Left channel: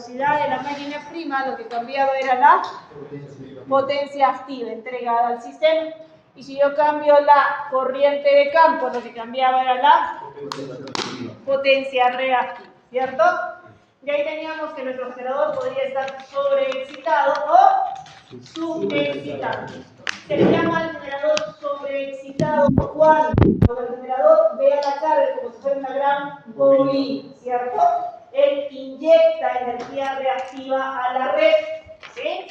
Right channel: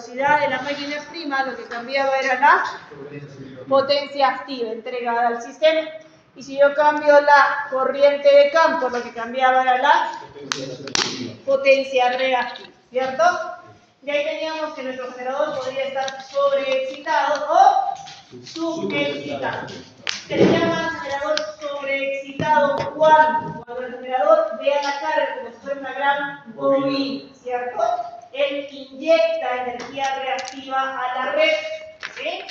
velocidad de la máquina prima, lo que cambiaba era la potencia activa entregada al sistema. Y si yo cambio la corriente de campo, lo que cambiaba era la potencia reactiva, ¿cierto? Y ahí teníamos que nuestro generador podría estar sobreexcitado o subexcitado. Se le llama al generador sobreexcitado cuando el generador vea la carga como si fuera una gran bobina, ¿cierto? Él inyecta energía reactiva a la red, ¿sí?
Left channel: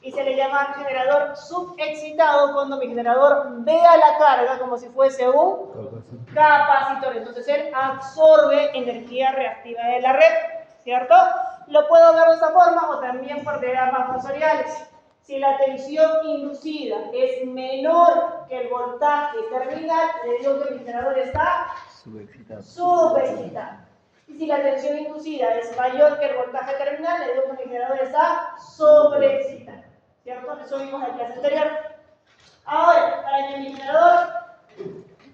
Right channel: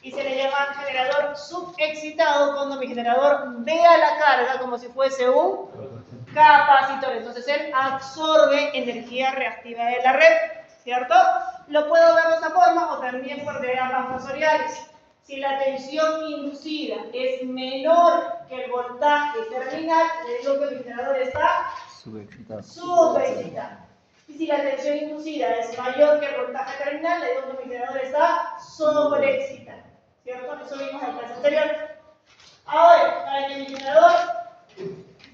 Y se le llama generador subexcitado cuando mi generador vea la carga como si fuese un capacitor. Entonces él absorbe energía reactiva de la red, ¿cierto? Lo puedo ver de esta forma o también por diagramas fasoriales. Si la tensión inducida es menor que el voltaje terminal, le digo que mi generador está subexcitado. Y si la tensión inducida es mayor que el voltaje terminal, le digo que mi generador está sobreexcitado, ¿cierto? Eso vimos en la clase anterior. Ahora, para que mi generador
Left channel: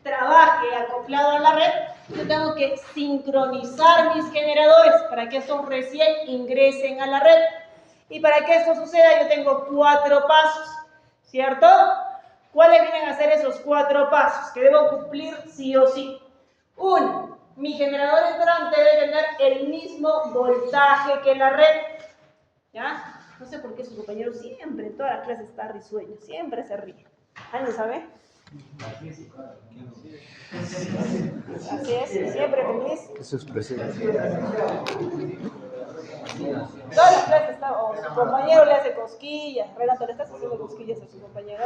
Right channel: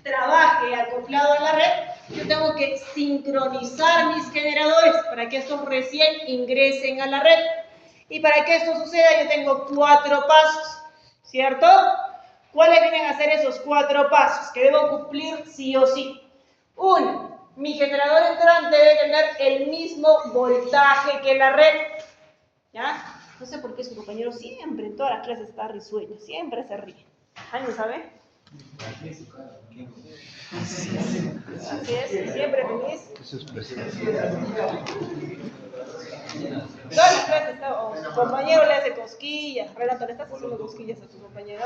trabaje acoplado a la red, yo tengo que sincronizar mis generadores para que estos recién ingresen a la red. Y para que esto suceda, yo tengo 4 pasos, ¿cierto? ¿Cuáles vienen a ser esos 4 pasos que debo cumplir sí o sí? 1. Mi generador entrante debe tener el mismo voltaje que la red. ¿Ya? No sé por qué su compañero siempre en todas las clases está risueño, siempre se ríe. ¿Alguien sabe? Así es, siempre feliz. Eso es presión. Todas las clases está, o su compañero le hace cosquillas. Renato, ¿le estás haciendo cosquillas a su compañero?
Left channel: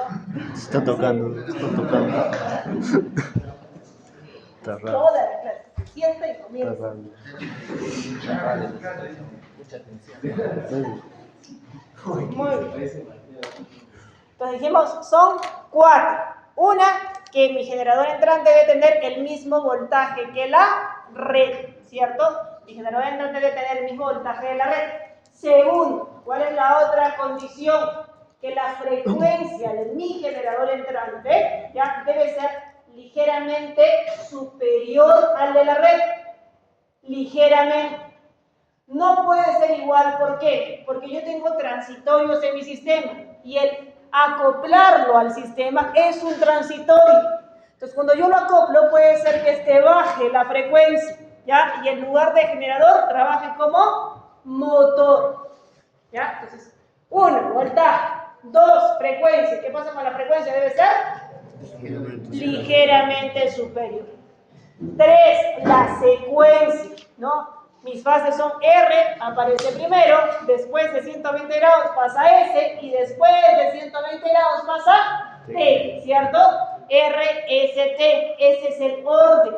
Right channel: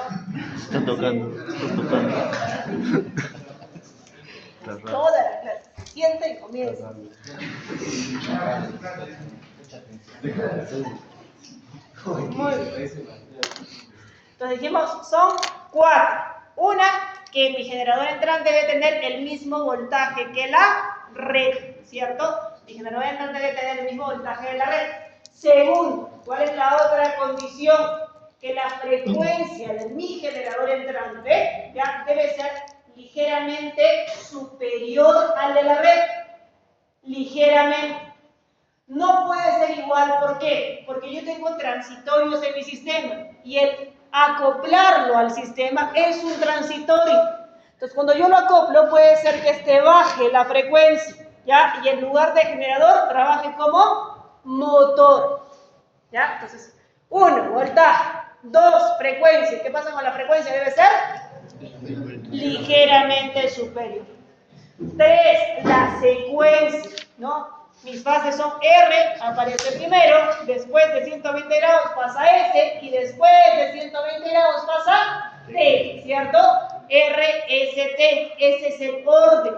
Está tocando, está tocando. Está raro. Toda la clase. Se sienta y comienza. Está raro. Muy bien. Entonces dijimos, son 4. Una, que mi generador entrante debe tener el mismo voltaje que la red, ¿cierto? Mi generador entrante debe tener el mismo voltaje de la red. Segundo, ¿cuál es la otra condición? Que la frecuencia de mi generador entrante ya debe ser ligeramente superior al de la red. Ligeramente. No puede ser igual, ¿por qué? Porque yo tengo transitorios en mi sistema y el acoplarlo al sistema es un transitorio. Entonces, cuando yo lo acoplo, puede ser que este baje la frecuencia, ¿ya? Y en lugar de generador, trabaje como motor, ¿ya? Entonces, 1, voltaje. 2, frecuencia. ¿Qué pasa con la frecuencia? Debe ser ligeramente superior. 3, la secuencia, ¿no? Mis fases son R, aparece primero, después de 120 grados pasa S y después de 120 grados pasa T, ¿cierto? R, S, T, ese es el orden.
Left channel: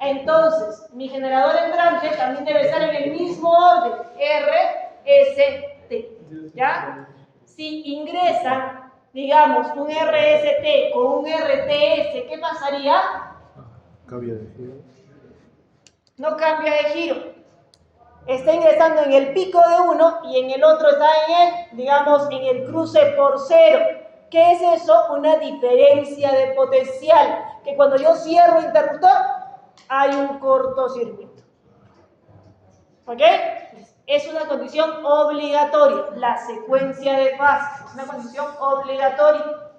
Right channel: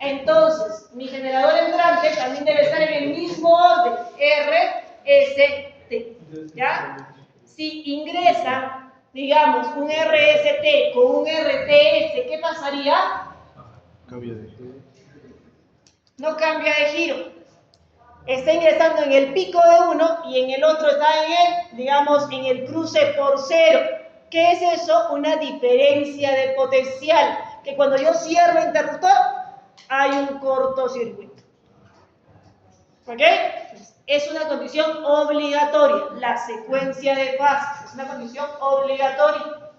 Entonces, mi generador entrante también debe estar en el mismo orden, R, S, T, ¿ya? Si ingresa, digamos, un RST con un RTS, ¿qué pasaría? Cambia de giro. No cambia de giro. Está ingresando en el pico de uno y en el otro está en el, digamos, en el cruce por cero. ¿Qué es eso? Una diferencia de potencial. Que cuando yo cierro el interruptor, hay un cortocircuito. ¿Ok? Es una condición obligatoria. La secuencia de fases es una condición obligatoria.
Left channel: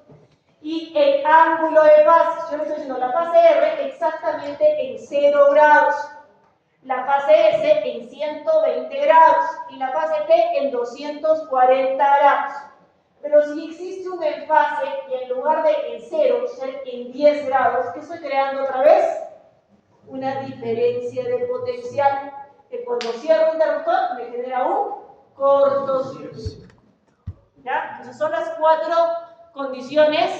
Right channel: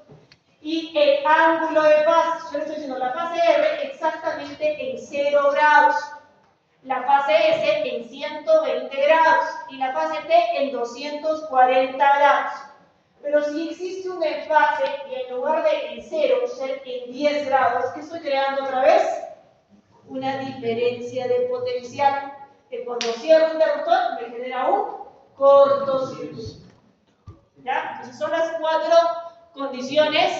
Y el ángulo de fase, yo le estoy diciendo la fase R exactamente en 0 grados. La fase S en 120 grados y la fase T en 240 grados. Pero si existe un desfase y en lugar de en 0 ser en 10 grados, ¿qué estoy creando otra vez? Una diferencia de potencial que cuando cierro el interruptor me genera un cortocircuito. ¿Ya? Entonces son las 4 condiciones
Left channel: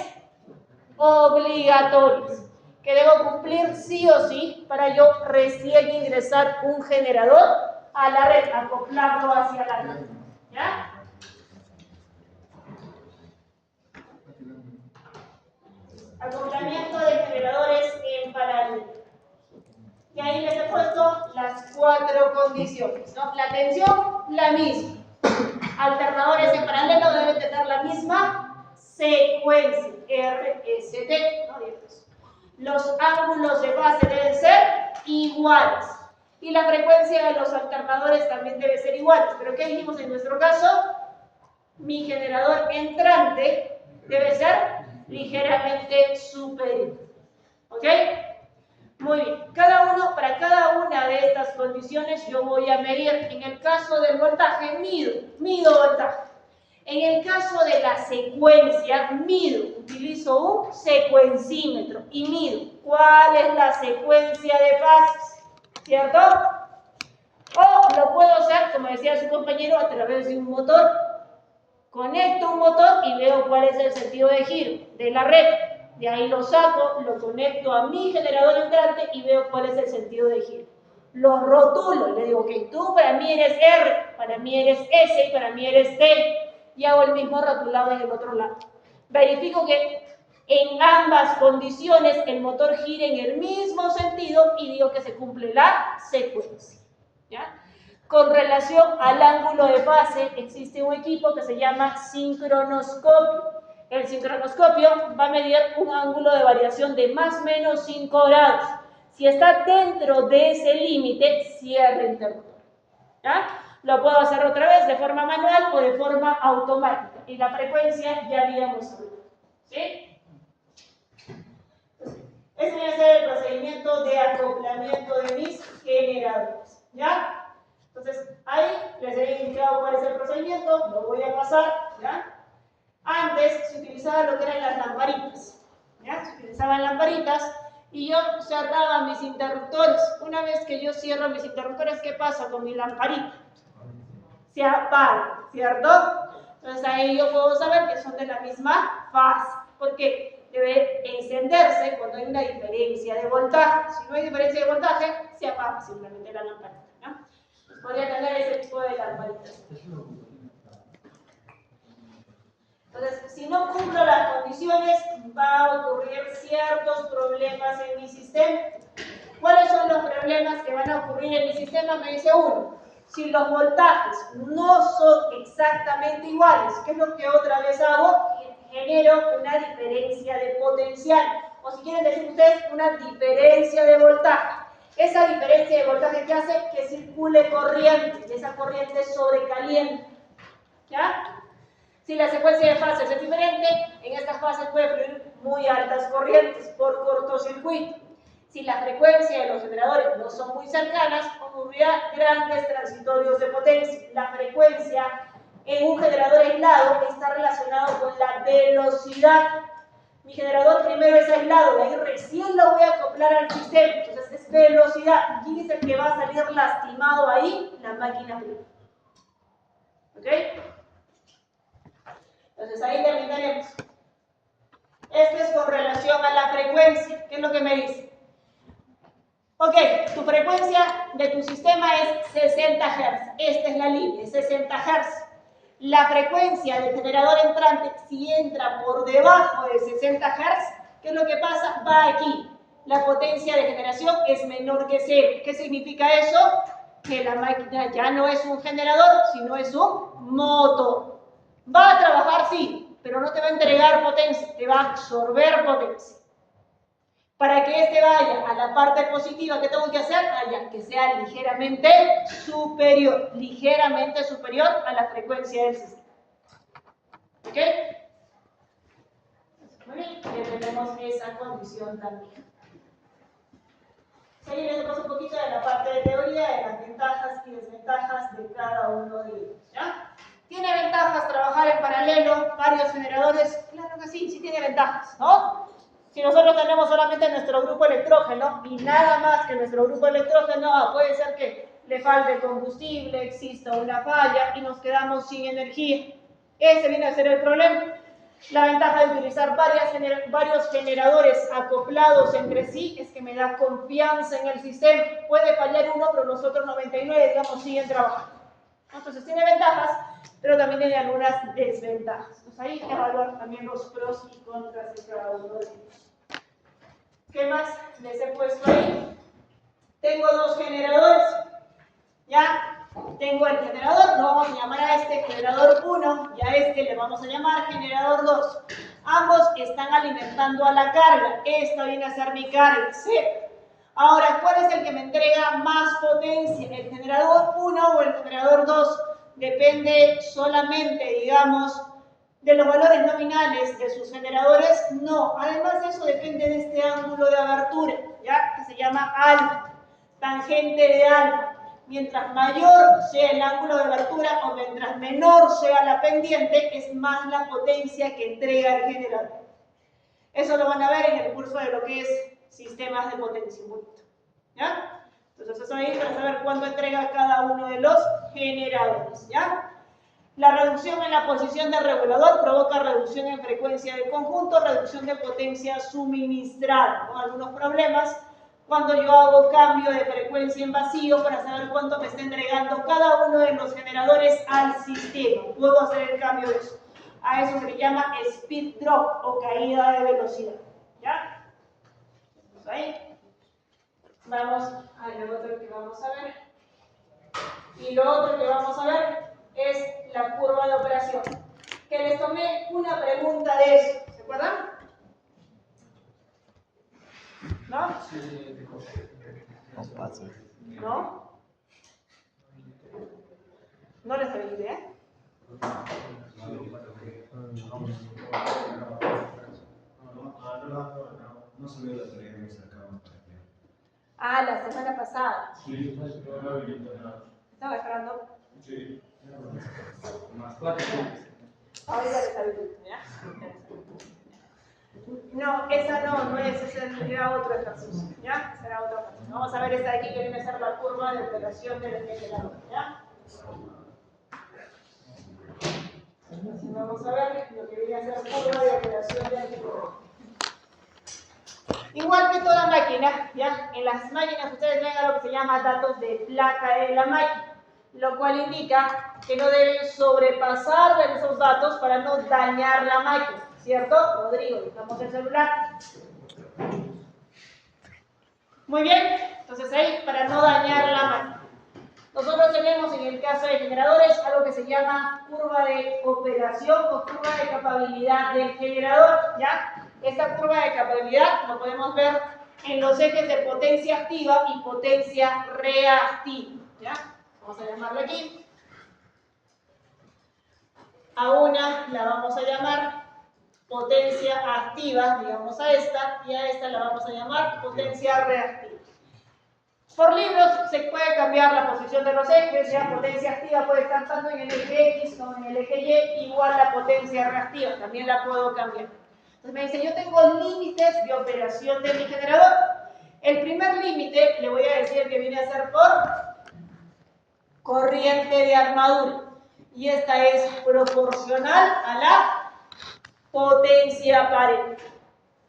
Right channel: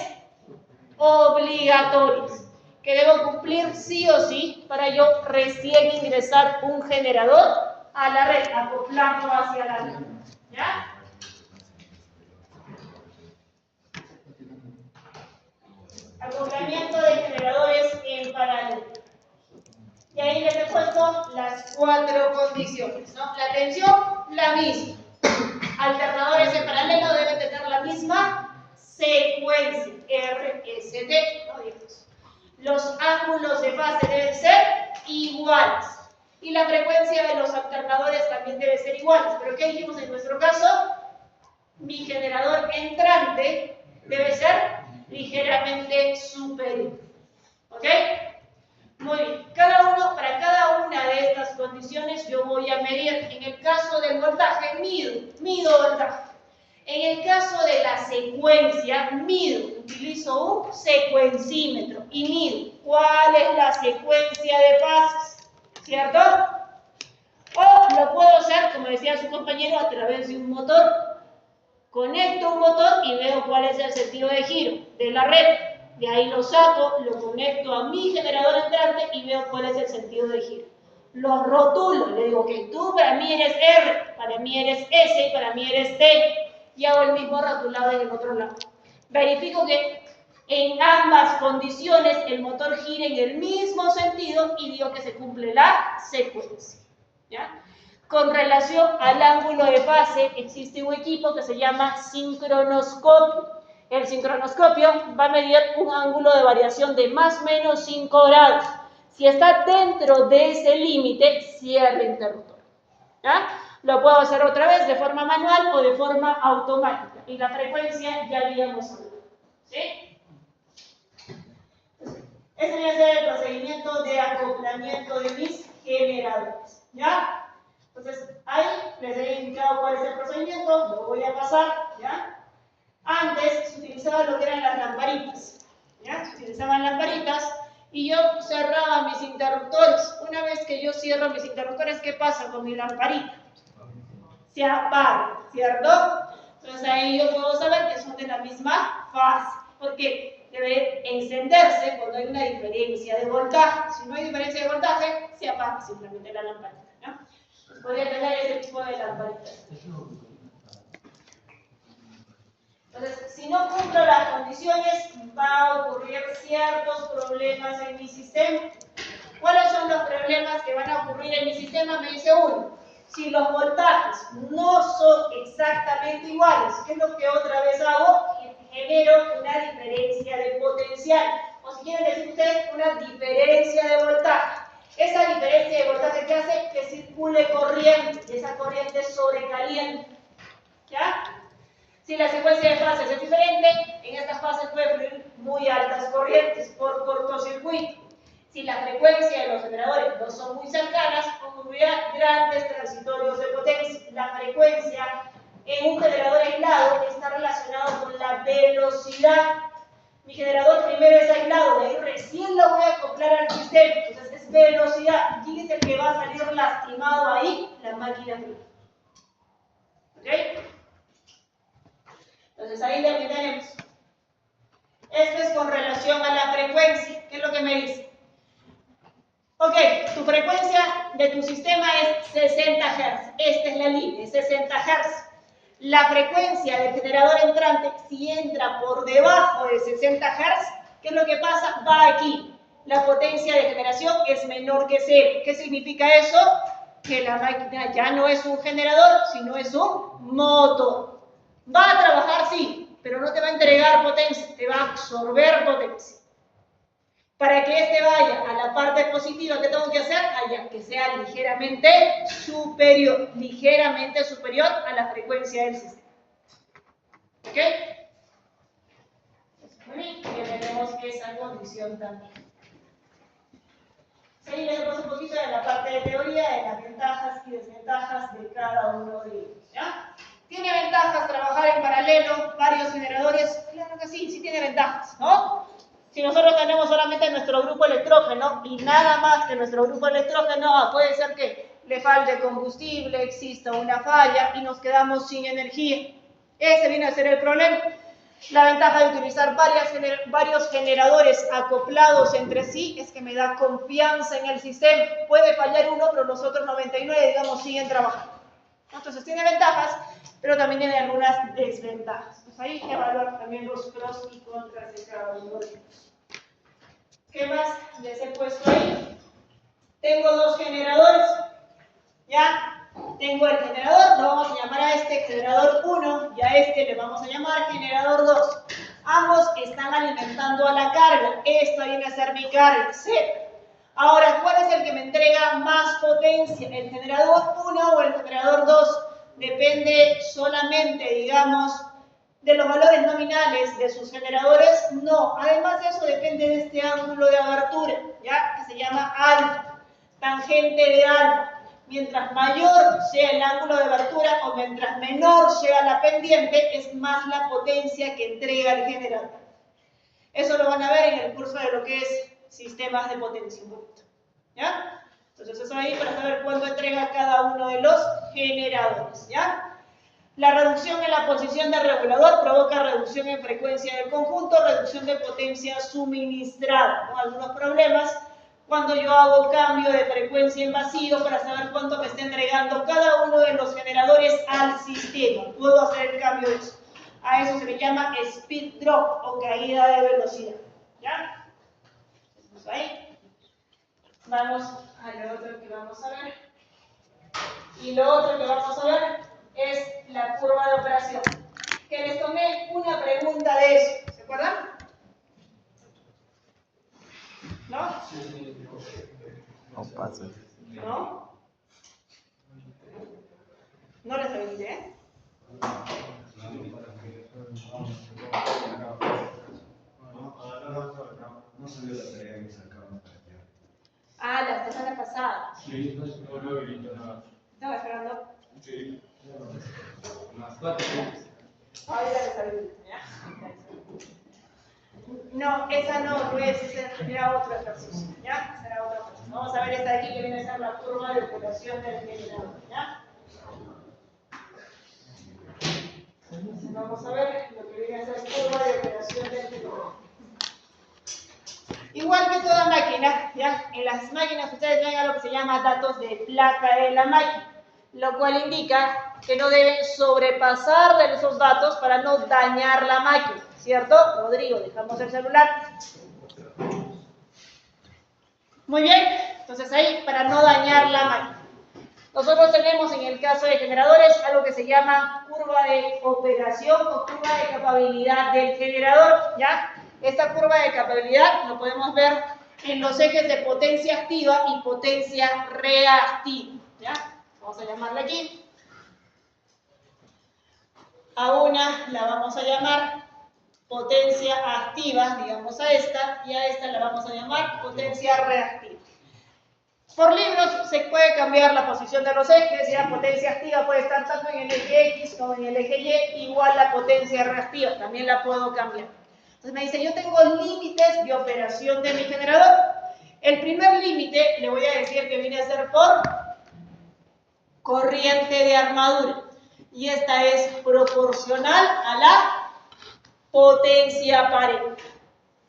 obligatorias que debo cumplir sí o sí para yo recién ingresar un generador a la red, acoplarlo hacia la red. ¿Ya? Acoplamiento de generadores en paralelo. Y ahí les he puesto las 4 condiciones, ¿no? La tensión, la misma. Alternadores en paralelo deben tener la misma secuencia, RST, ¿no? Los ángulos de fase deben ser iguales. Y la frecuencia de los alternadores también debe ser igual. Pero ¿qué dijimos en nuestro caso? Mi generador entrante debe ser ligeramente superior. ¿Ok? Muy bien. Para cada una de estas condiciones yo voy a medir. En el caso del voltaje, mido voltaje. En el caso de la secuencia, utilizo un secuencímetro y mido cuál es la secuencia de fases, ¿cierto? O lo puedo hacer, como decía su compañero, a través de un motor. Conecto un motor y veo cuál es el sentido de giro de la red. De ahí lo saco, lo conecto a mi generador entrante y veo cuál es el sentido de giro. Lo rotulo, le digo que tú para mí eres R, para mí eres S y para mí eres T. Y hago el mismo rotulado en el otro lado. Verifico que en ambas condiciones el motor gira en el mismo sentido y digo que se cumple la secuencia. ¿Ya? Con relación al ángulo de fase, existe un equipo que se llama sincronoscopio. El sincronoscopio va a medir un ángulo de variación de más o menos 5 grados. Si está dentro de ese límite, cierra el interruptor. ¿Ya? Lo puedo hacer otra vez de forma manual o de forma automática. Y la frecuencia ya habíamos hablado. ¿Sí? Ese debe ser el procedimiento de acoplamiento de mis generadores. ¿Ya? Entonces, ahí les he indicado cuál es el procedimiento. Lo voy a pasar. ¿Ya? Antes se utilizaban lo que eran las lamparitas. ¿Ya? Se utilizaban lamparitas. Y yo cerraba mis interruptores. Una vez que yo cierro mis interruptores, ¿qué pasa con mi lamparita? Se apaga, ¿cierto? Entonces ahí yo puedo saber que son de la misma fase. Porque debe encenderse cuando hay una diferencia de voltaje. Si no hay diferencia de voltaje, se apaga simplemente la lamparita. ¿No? Pues podría tener ese tipo de lamparitas. Entonces, si no cumplo las condiciones, va a ocurrir ciertos problemas en mi sistema. ¿Cuáles son los problemas que van a ocurrir en mi sistema? Me dice uno. Si los voltajes no son exactamente iguales, ¿qué es lo que otra vez hago? Genero una diferencia de potencial. O si quieren decir ustedes, una diferencia de voltaje. Esa diferencia de voltaje que hace que circule corriente, y esa corriente sobrecaliente. ¿Ya? Si la secuencia de fases es diferente, en estas fases puede fluir muy altas corrientes por cortocircuito. Si la frecuencia de los generadores no son muy cercanas, ocurrirá grandes transitorios de potencia. La frecuencia en un generador aislado está relacionado con la velocidad. Mi generador primero es aislado, de ahí recién lo voy a acoplar al sistema. Entonces es velocidad. ¿Quién es el que va a salir lastimado ahí? La máquina fluida. ¿Ok? Entonces ahí terminaremos. Esto es con relación a la frecuencia. ¿Qué es lo que me dice? Ok, tu frecuencia de tu sistema es 60 Hz. Esta es la línea, 60 Hz. La frecuencia del generador entrante, si entra por debajo de 60 Hz, ¿qué es lo que pasa? Va aquí. La potencia de generación es menor que 0. ¿Qué significa eso? Que la máquina ya no es un generador, sino es un motor. Va a trabajar, sí, pero no te va a entregar potencia, te va a absorber potencia. Para que este vaya a la parte positiva, ¿qué tengo que hacer? Allá, que sea ligeramente superior a la frecuencia del sistema. ¿Ok? Muy bien, ya tenemos esa condición también. Seguimos un poquito de la parte de teoría, de las ventajas y desventajas de cada uno de ellos. ¿Ya? ¿Tiene ventajas trabajar en paralelo, varios generadores? Claro que sí, sí tiene ventajas, ¿no? Si nosotros tenemos solamente nuestro grupo electrógeno y nada más que nuestro grupo electrógeno, puede ser que le falte combustible, exista una falla y nos quedamos sin energía. Ese viene a ser el problema. La ventaja de utilizar varios generadores acoplados entre sí es que me da confianza en el sistema. Puede fallar uno, pero los otros 99, digamos, siguen trabajando. Entonces tiene ventajas, pero también tiene algunas desventajas. Pues ahí hay que evaluar también los pros y contras de cada uno de ellos. ¿Qué más les he puesto ahí? Tengo dos generadores. ¿Ya? Tengo el generador, lo vamos a llamar a este generador 1 y a este le vamos a llamar generador 2. Ambos están alimentando a la carga. Esta viene a ser mi carga, C. Ahora, ¿cuál es el que me entrega más potencia? ¿El generador 1 o el generador 2? Depende solamente, digamos, de los valores nominales de sus generadores. No, además de eso depende de este ángulo de abertura, ¿ya? Que se llama alfa, tangente de alfa. Mientras mayor sea el ángulo de abertura o mientras menor sea la pendiente, es más la potencia que entrega el generador. Eso lo van a ver en el curso de lo que es sistemas de potenciómetro, ¿ya? Entonces eso ahí para saber cuánto entrega cada uno de los generadores, ¿ya? La reducción en la posición del regulador provoca reducción en frecuencia del conjunto, reducción de potencia suministrada, ¿no? Algunos problemas cuando yo hago cambio de frecuencia en vacío para saber cuánto me está entregando cada uno de los generadores al sistema. Puedo hacer el cambio de eso. A eso se le llama speed drop o caída de velocidad, ¿ya? Entonces ahí vamos a lo otro que vamos a ver. Y lo otro que vamos a ver es la curva de operación. Que les tomé una pregunta de eso, ¿se acuerdan? ¿No? No pasa. ¿No? No les pregunté, ¿eh? No subió la tarea que sacaron para allá. Ah, la semana pasada. Sí, no he visto nada. ¿Estaba esperando? Sí. Más 4 puntos. Ahorita les aviso, ¿ya? No, esa no es, ese era otro ejercicio, ¿ya? Ese era otro ejercicio. Vamos a ver esta de aquí que viene a ser la curva de operación del generador, ¿ya? Entonces vamos a ver lo que viene a ser curva de operación del generador. Igual que toda máquina, ¿ya? En las máquinas ustedes ven algo que se llama datos de placa de la máquina, lo cual indica que no deben sobrepasar de esos datos para no dañar la máquina, ¿cierto? Rodrigo, dejamos el celular. Muy bien, entonces ahí, para no dañar la máquina. Nosotros tenemos en el caso de generadores algo que se llama curva de operación o curva de capabilidad del generador, ¿ya? Esta curva de capabilidad lo podemos ver en los ejes de potencia activa y potencia reactiva, ¿ya? Vamos a llamarla aquí. A una la vamos a llamar potencia activa, digamos a esta, y a esta la vamos a llamar potencia reactiva. Por libros se puede cambiar la posición de los ejes, ya potencia activa puede estar tanto en el eje X como en el eje Y, igual la potencia reactiva, también la puedo cambiar. Entonces me dice, yo tengo límites de operación de mi generador. El primer límite le voy a decir que viene a ser por corriente de armadura. Y esta es proporcional a la potencia aparente,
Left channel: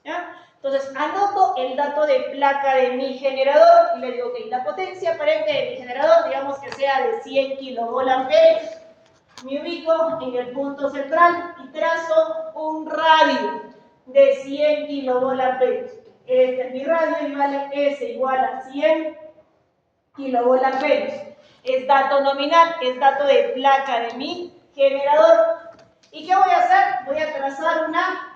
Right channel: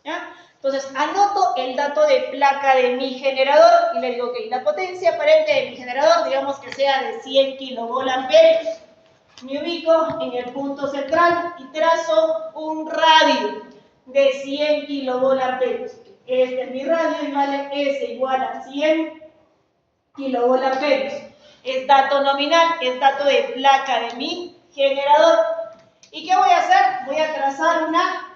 ¿ya? Entonces anoto el dato de placa de mi generador y le digo, ok, la potencia aparente de mi generador, digamos que sea de 100 kilovoltamperios. Me ubico en el punto central y trazo un radio de 100 kilovoltamperios. Este es mi radio y vale S igual a 100 kilovoltamperios. Es dato nominal, es dato de placa de mi generador. ¿Y qué voy a hacer? Voy a trazar una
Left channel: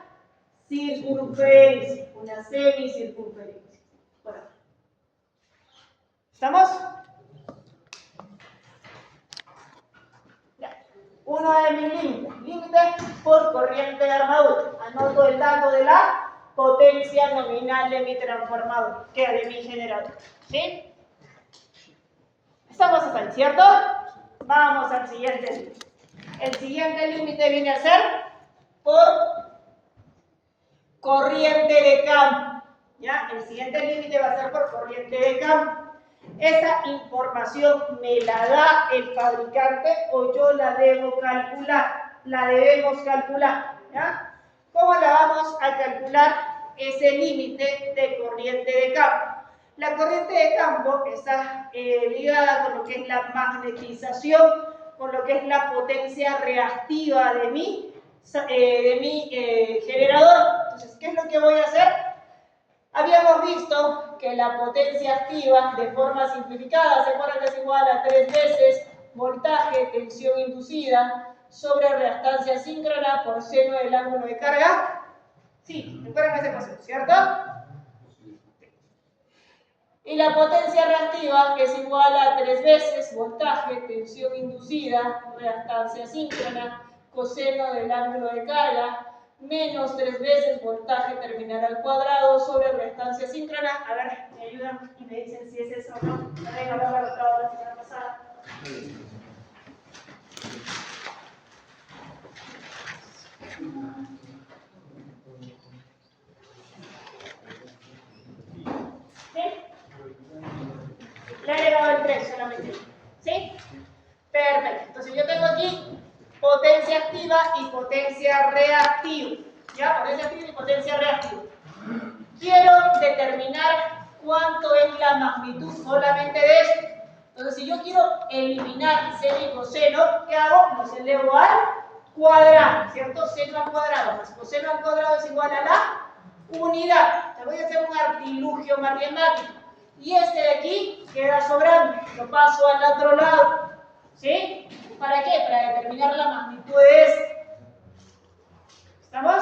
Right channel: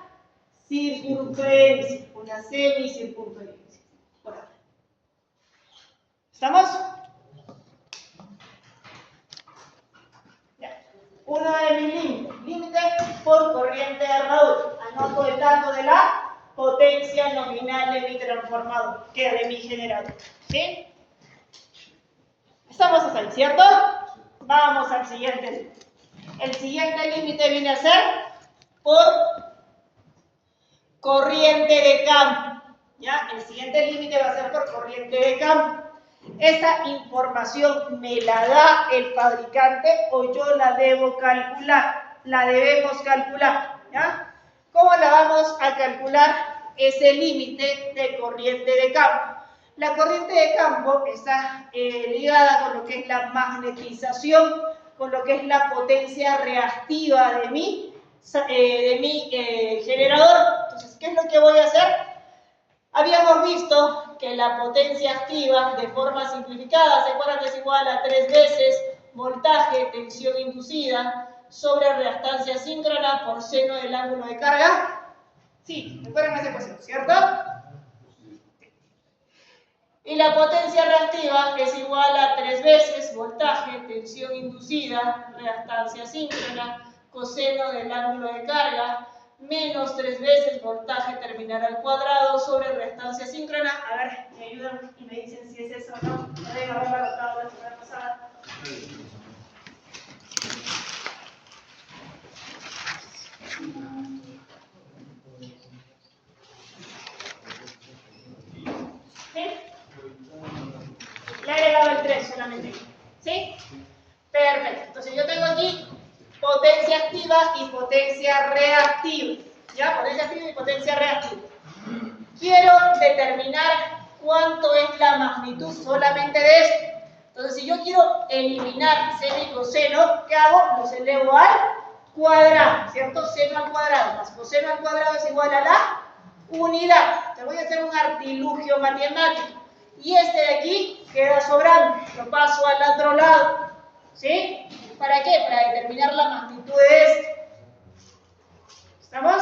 circunferencia, una semicircunferencia. Por acá. ¿Estamos? Ya. Uno de mis límites. Límite por corriente de armadura. Anoto el dato de la potencia nominal de mi transformador, que es de mi generador. ¿Sí? Estamos hasta ahí, ¿cierto? Vamos al siguiente límite. El siguiente límite viene a ser por corriente de campo, ¿ya? El siguiente límite va a ser por corriente de campo. Esta información me la da el fabricante o yo la debo calcular, la debemos calcular, ¿ya? ¿Cómo la vamos a calcular ese límite de corriente de campo? La corriente de campo está ligada con lo que es la magnetización, con lo que es la potencia reactiva de mi generador. Entonces, ¿qué es lo que voy a hacer? Habíamos visto que la potencia activa, de forma simplificada, ¿se acuerdan que es igual a 3 veces voltaje, tensión inducida, sobre reactancia síncrona por seno del ángulo de carga? Sí, recuerden esa ecuación, ¿cierto? Y la potencia reactiva es igual a 3 veces voltaje, tensión inducida, reactancia síncrona, coseno del ángulo de carga, menos 3 veces voltaje terminal al cuadrado sobre reactancia síncrona. A ver, me ayudan y me dicen si es eso o no. No deben haberla anotado la semana pasada. ¿Sí? Le he agregado el 3 solamente. ¿Sí? Perfecto. Entonces yo tengo aquí potencia activa y potencia reactiva. ¿Ya? Potencia activa y potencia reactiva. Quiero determinar cuánto es la magnitud solamente de esto. Entonces, si yo quiero eliminar seno y coseno, ¿qué hago? Los elevo al cuadrado, ¿cierto? Seno al cuadrado más coseno al cuadrado es igual a la unidad. Te voy a hacer un artilugio matemático. Y este de aquí queda sobrando. Lo paso al otro lado. ¿Sí? ¿Para qué? Para determinar la magnitud de este. ¿Estamos?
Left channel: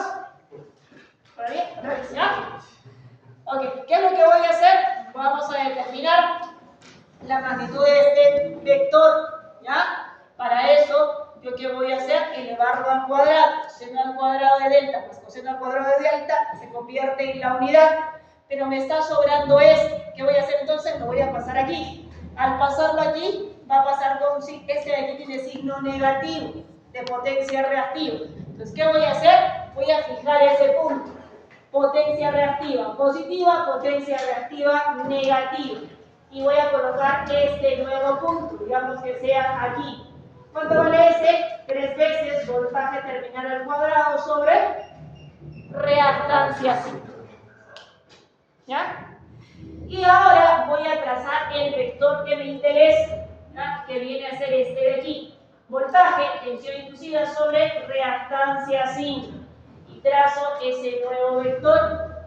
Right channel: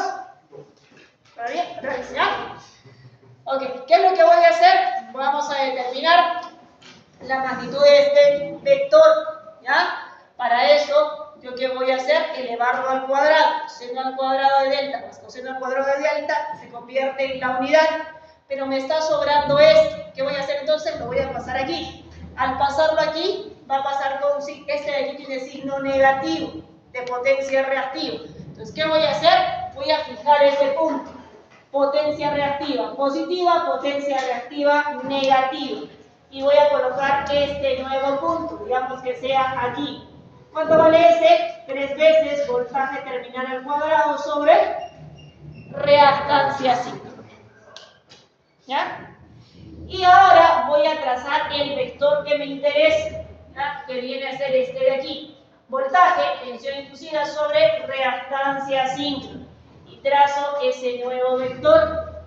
¿Está bien? ¿Ya? Ok, ¿qué es lo que voy a hacer? Vamos a determinar la magnitud de este vector, ¿ya? Para eso, ¿yo qué voy a hacer? Elevarlo al cuadrado. Seno al cuadrado de delta más coseno al cuadrado de delta se convierte en la unidad. Pero me está sobrando este. ¿Qué voy a hacer entonces? Lo voy a pasar aquí. Al pasarlo aquí, va a pasar con este de aquí tiene signo negativo de potencia reactiva. Entonces, ¿qué voy a hacer? Voy a fijar ese punto. Potencia reactiva positiva, potencia reactiva negativa. Y voy a colocar este nuevo punto, digamos que sea aquí. ¿Cuánto vale ese? 3 veces voltaje terminal al cuadrado sobre reactancia síncrona. ¿Ya? Y ahora voy a trazar el vector que me interesa, ¿ya? Que viene a ser este de aquí. Voltaje, tensión inducida sobre reactancia síncrona. Y trazo ese nuevo vector.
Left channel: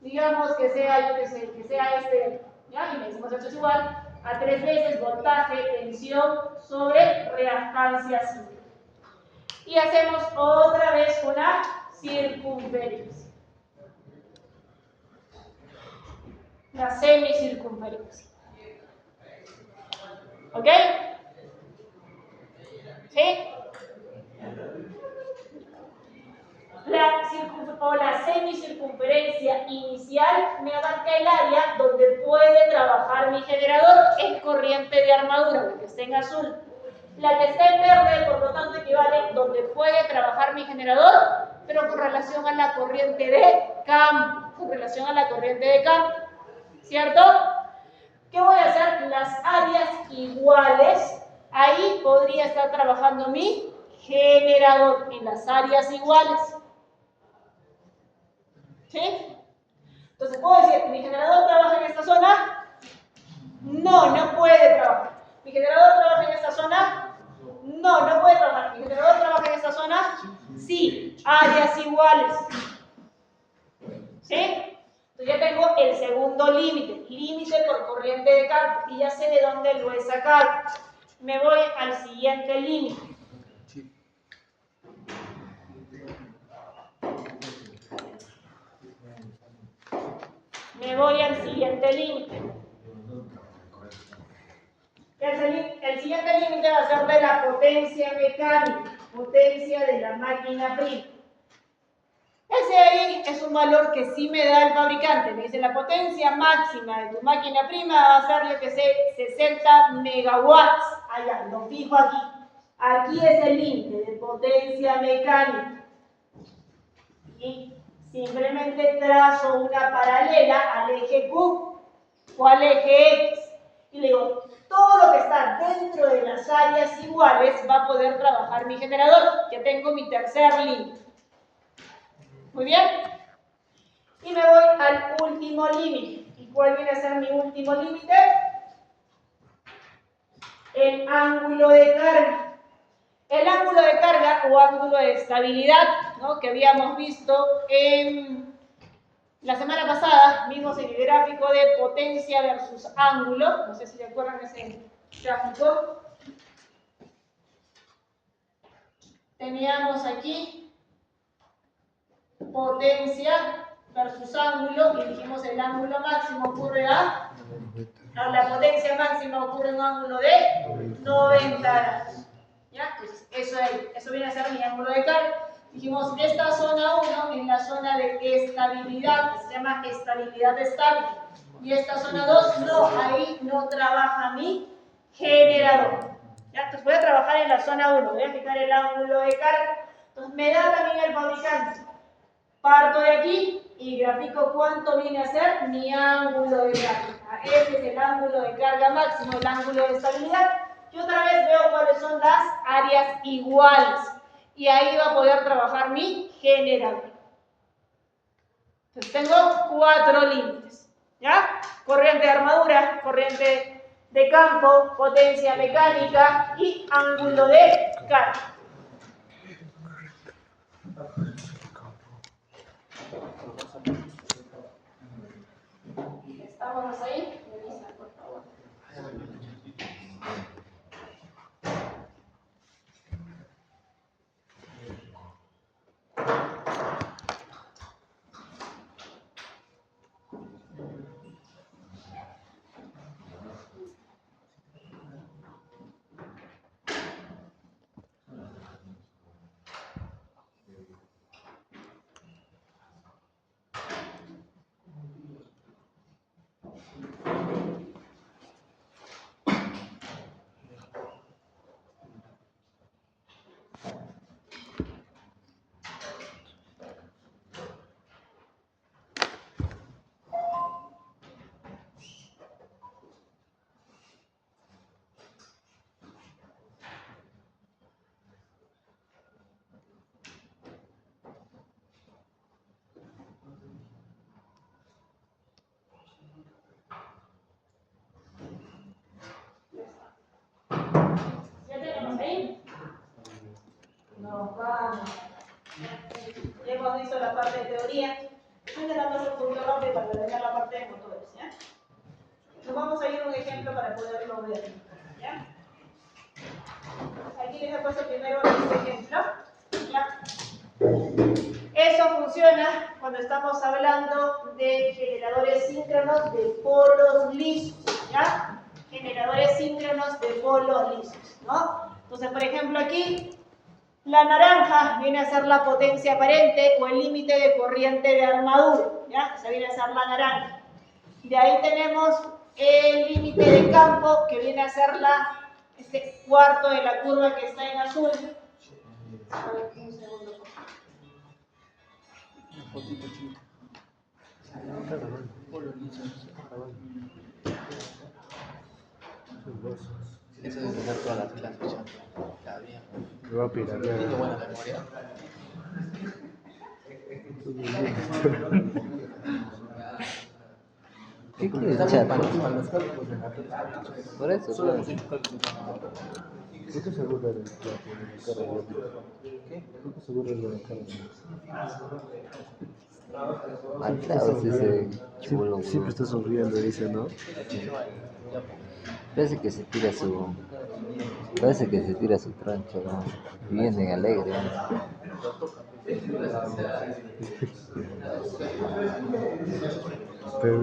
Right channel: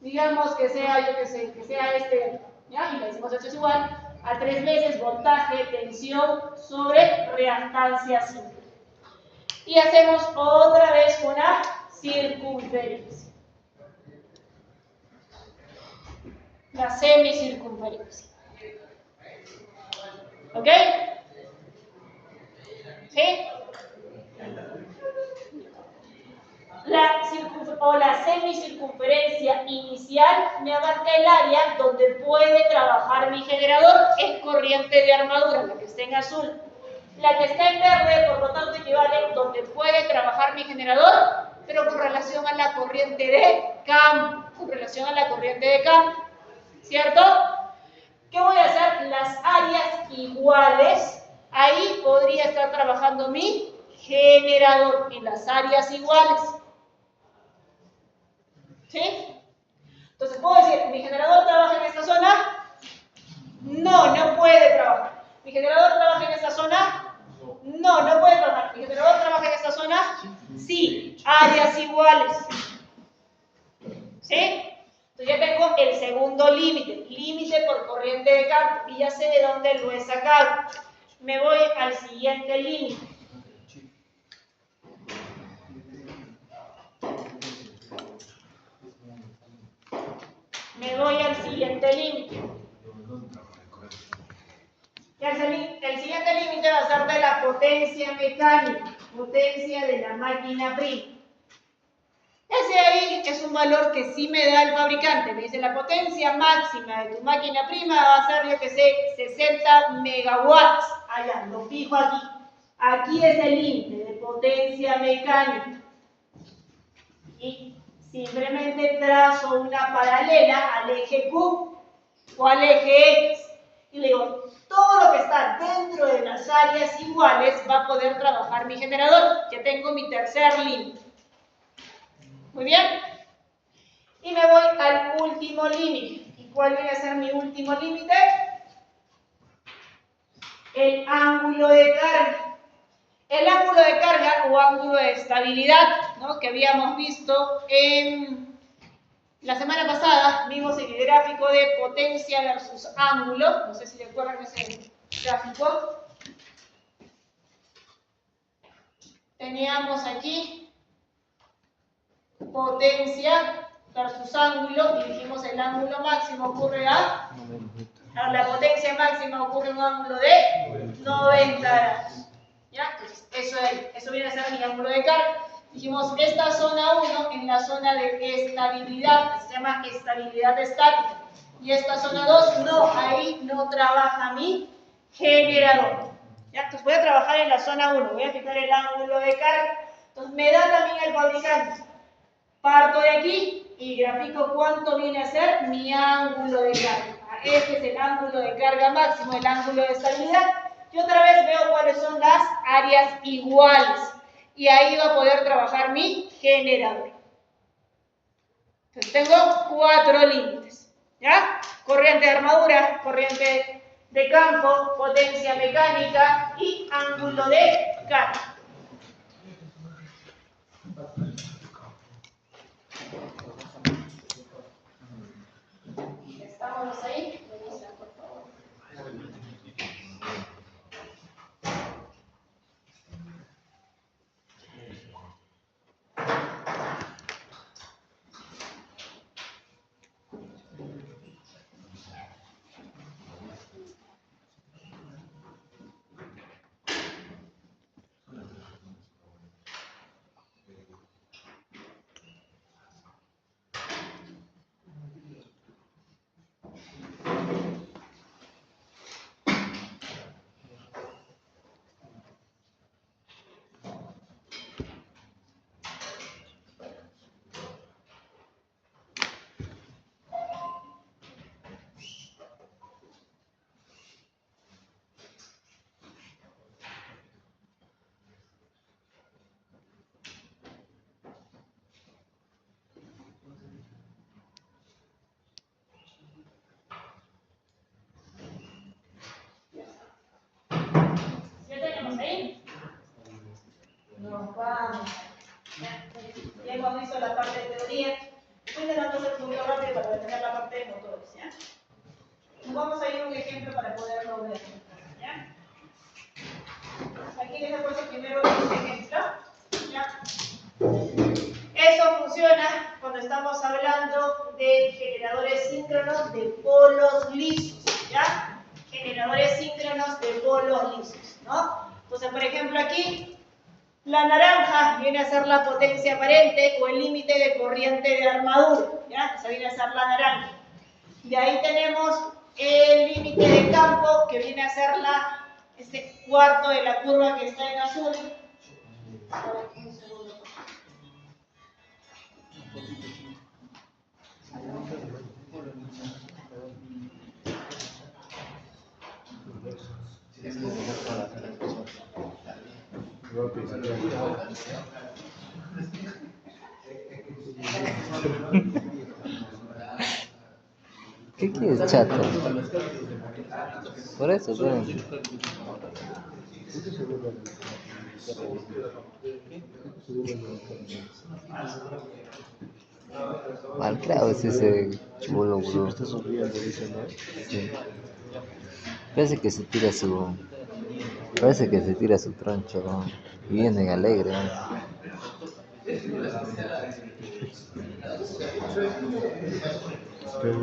Digamos que sea, yo que sé, que sea este, ¿ya? Y le decimos esto es igual a 3 veces voltaje, tensión sobre reactancia síncrona. Y hacemos otra vez una circunferencia. La semicircunferencia. ¿Ok? ¿Sí? La semicircunferencia inicial me abarca el área donde puede trabajar mi generador en corriente de armadura, la que está en azul. La que está en verde, por lo tanto, equivale donde puede trabajar mi generador, pero con relación a la corriente de campo. Con relación a la corriente de campo. ¿Cierto? ¿Qué voy a hacer? Las áreas iguales, ahí podría estar trabajando mi generador, en las áreas iguales. ¿Sí? Entonces, ¿puedo decir, mi generador trabaja en esta zona? No, no puede trabajar. ¿Mi generador trabaja en esta zona? No, no puede trabajar. ¿Mi generador trabaja en esta zona? Sí, áreas iguales. ¿Sí? Entonces ya tengo el segundo límite, límite por corriente de campo, y ya sé de dónde lo he sacado. Me voy al siguiente límite. Me voy al siguiente límite. El siguiente límite va a ser de la potencia mecánica, potencia de la máquina prima. Ese ahí es un valor que sí me da el fabricante. Me dice la potencia máxima de tu máquina prima va a ser, yo que sé, 60 megawatts. Allá, lo fijo aquí. Aquí es el límite de potencia mecánica. Y simplemente trazo una paralela al eje Q o al eje X. Y le digo, todo lo que está dentro de las áreas iguales va a poder trabajar mi generador. Ya tengo mi tercer límite. Muy bien. Y me voy al último límite. ¿Y cuál viene a ser mi último límite? El ángulo de carga. El ángulo de carga o ángulo de estabilidad, ¿no? Que habíamos visto en la semana pasada, vimos en el gráfico de potencia versus ángulo. No sé si recuerdan ese gráfico. Teníamos aquí potencia versus ángulo y dijimos el ángulo máximo ocurre a La potencia máxima ocurre en un ángulo de 90 grados. ¿Ya? Entonces, eso viene a ser mi ángulo de carga. Dijimos, esta zona 1 es la zona de estabilidad, se llama estabilidad estática. Y esta zona 2, no, ahí no trabaja mi generador. ¿Ya? Entonces voy a trabajar en la zona 1, voy a fijar el ángulo de carga. Entonces me da también el fabricante. Parto de aquí y grafico cuánto viene a ser mi ángulo de carga. Este es el ángulo de carga máximo, el ángulo de estabilidad. Y otra vez veo cuáles son las áreas iguales. Y ahí va a poder trabajar mi generador. Entonces tengo 4 límites. ¿Ya? Corriente de armadura, corriente de campo, potencia mecánica y ángulo de carga. ¿Estamos ahí? Por favor. Nos vamos. Ya hemos visto la parte de teoría. Estoy intentando hacer un poquito rápido para terminar la parte de motores. ¿Ya? Nos vamos a ir a un ejemplo para poderlo ver. ¿Ya? Aquí les he puesto primero este ejemplo. ¿Ya? Eso funciona cuando estamos hablando de generadores síncronos de polos lisos. ¿Ya? Generadores síncronos de polos lisos. ¿No? Entonces, por ejemplo, aquí la naranja viene a ser la potencia aparente o el límite de corriente de armadura. ¿Ya? Esa viene a ser la naranja. De ahí tenemos el límite de campo, que viene a ser este cuarto de la curva que está en azul. A ver, un segundo. ¿Qué quieres, chato? Por eso, pues. Mal claro, sí ese chibolo, bro. Siempre está sonriendo, dice, ¿no? Sí. Parece que se tira su... Parece que se tira su troncho, ¿no? Y viene alegre, ¿no? Pero,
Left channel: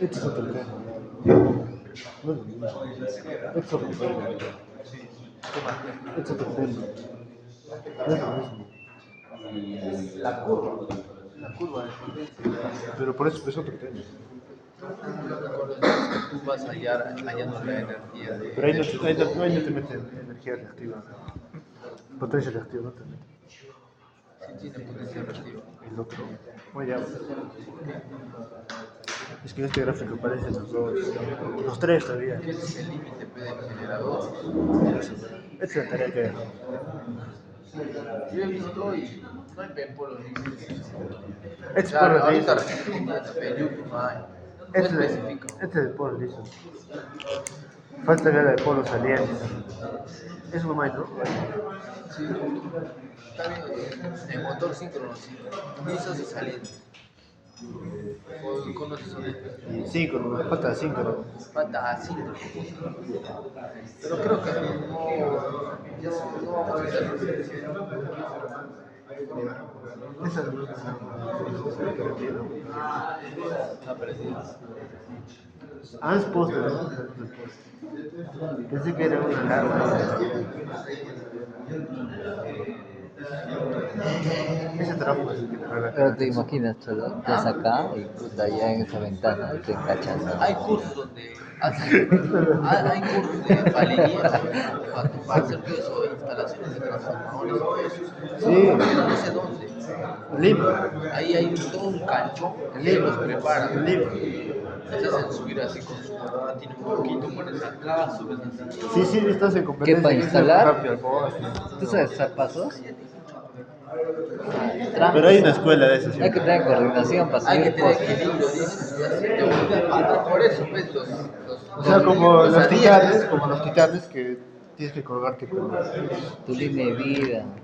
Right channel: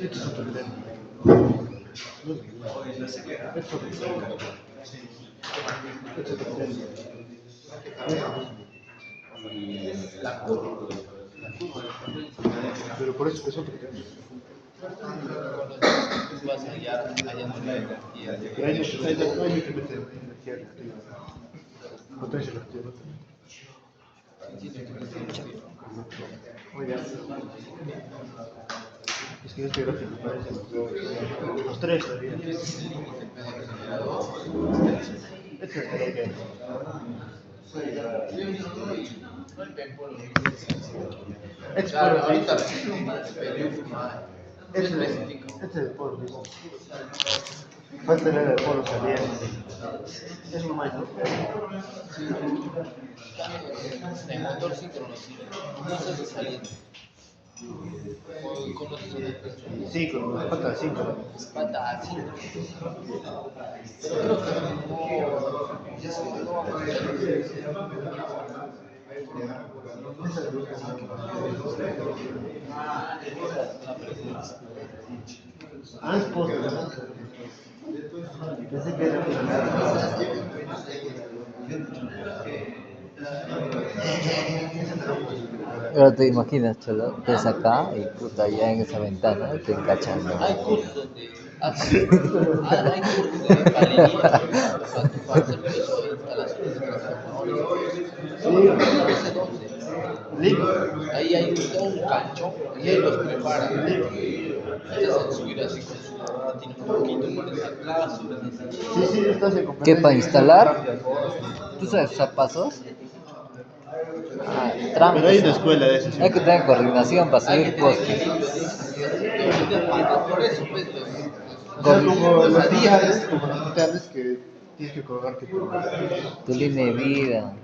esto es otro tema. Esto es otro tema. Esto es otro tema. Pero por eso es otro tema. Vas allá no la energía. Pero ahí no te mete energía reactiva. Potencia reactiva no te mete. El otro. Oye, es que en este gráfico parecen los dos. Los tres todavía. Esta es la tarea que este es el polo liso. Falta el polo saliente. Es un maestro. Sí, está bien. El motor síncrono, sí. Inicios y saliente. O conoces una especie. Y 5, falta el 5. Falta síncrono. Pero creo que Ah, es postre. Pensé que era ese trabajo. Pero te imaginas, Cholo, estás acá y puta, ya en esa ventana te encachan, ¿no? hay cursos donde hacen, hay cursos de palería para servicios o instalaciones de transformadores. Sí, No sé dónde. limpio. Ahí hay todo un canchón y ahí los preparan. Limpio. Te hacen subir así con su tiene un poquito, pones acá, subes así. Sí, sí, estás en ¿Qué competencia. para instalar? Rápido. ¿Tú sabes usar pasos? Ah, Pero trampas. hay una escuela de eso. Sí. Hay que tener coordinación para Hay que subir tener postes. equilibrio, dices, te obliga a parar. Por eso, pues, O sea, los como los titanes que tienes que colgarte con Tu línea de vida.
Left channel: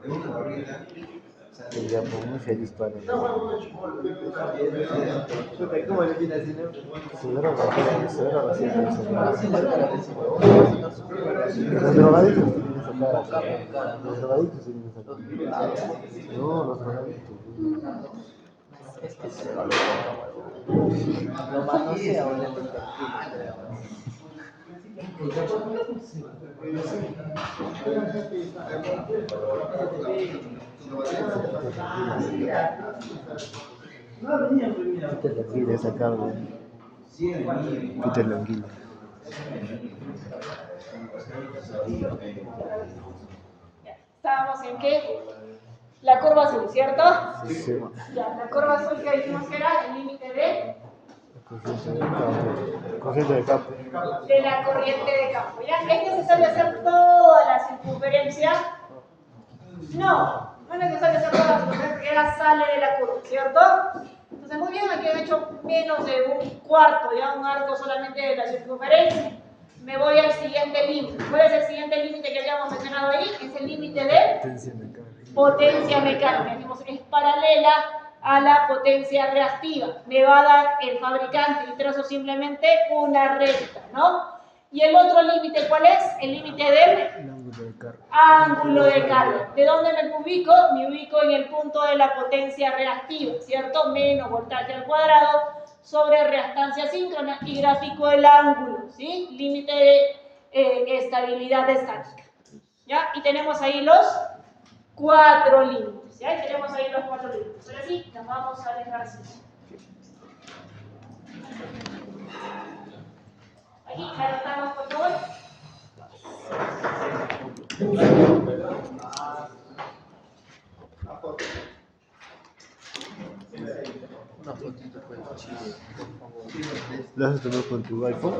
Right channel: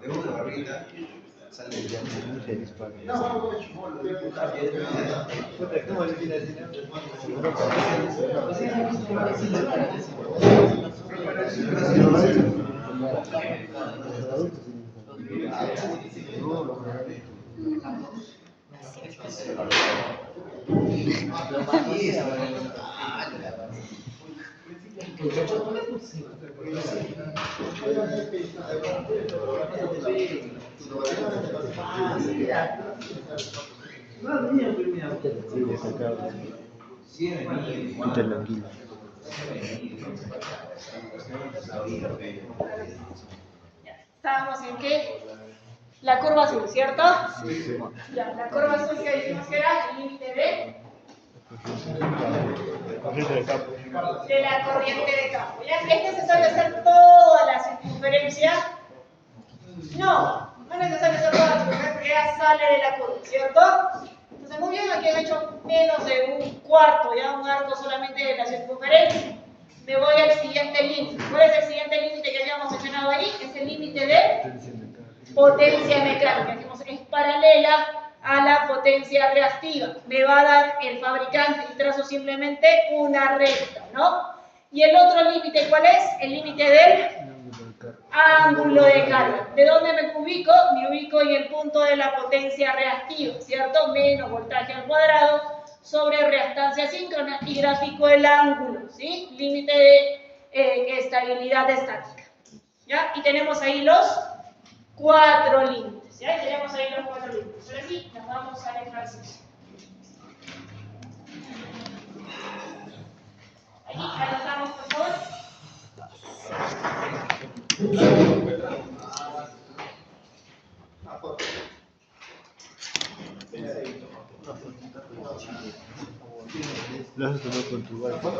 De una barrita sale el ya muy feliz para Estábamos en que la curva azul, ¿cierto? Ya, la curva azul que dijimos que era el límite corriente de campo. de la corriente de campo. ¿Ya? ¿Es necesario hacer toda la circunferencia? No, no es necesario hacer toda la circunferencia, porque ya sale de la curva, ¿cierto? Entonces, muy bien, aquí han hecho menos de un cuarto, ya un arco solamente de la circunferencia. Me voy al siguiente límite. ¿Cuál es el siguiente límite que habíamos mencionado ahí? Es el límite de potencia mecánica. Dijimos, es paralela a la potencia reactiva. Me va a dar el fabricante y trazo simplemente una recta, ¿no? Y el otro límite, ¿cuál es? El límite del ángulo de carga. ¿De dónde me ubico? Me ubico en el punto de la potencia reactiva, ¿cierto? Menos voltaje al cuadrado sobre reactancia síncrona y gráfico el ángulo, ¿sí? Límite de estabilidad estática. ¿Ya? Y tenemos ahí los 4 límites, ¿ya? Y tenemos ahí los 4 límites. Ahora sí, nos vamos al ejercicio. Aquí, anotamos, por favor. ¿Lo vas a tomar con tu iPhone?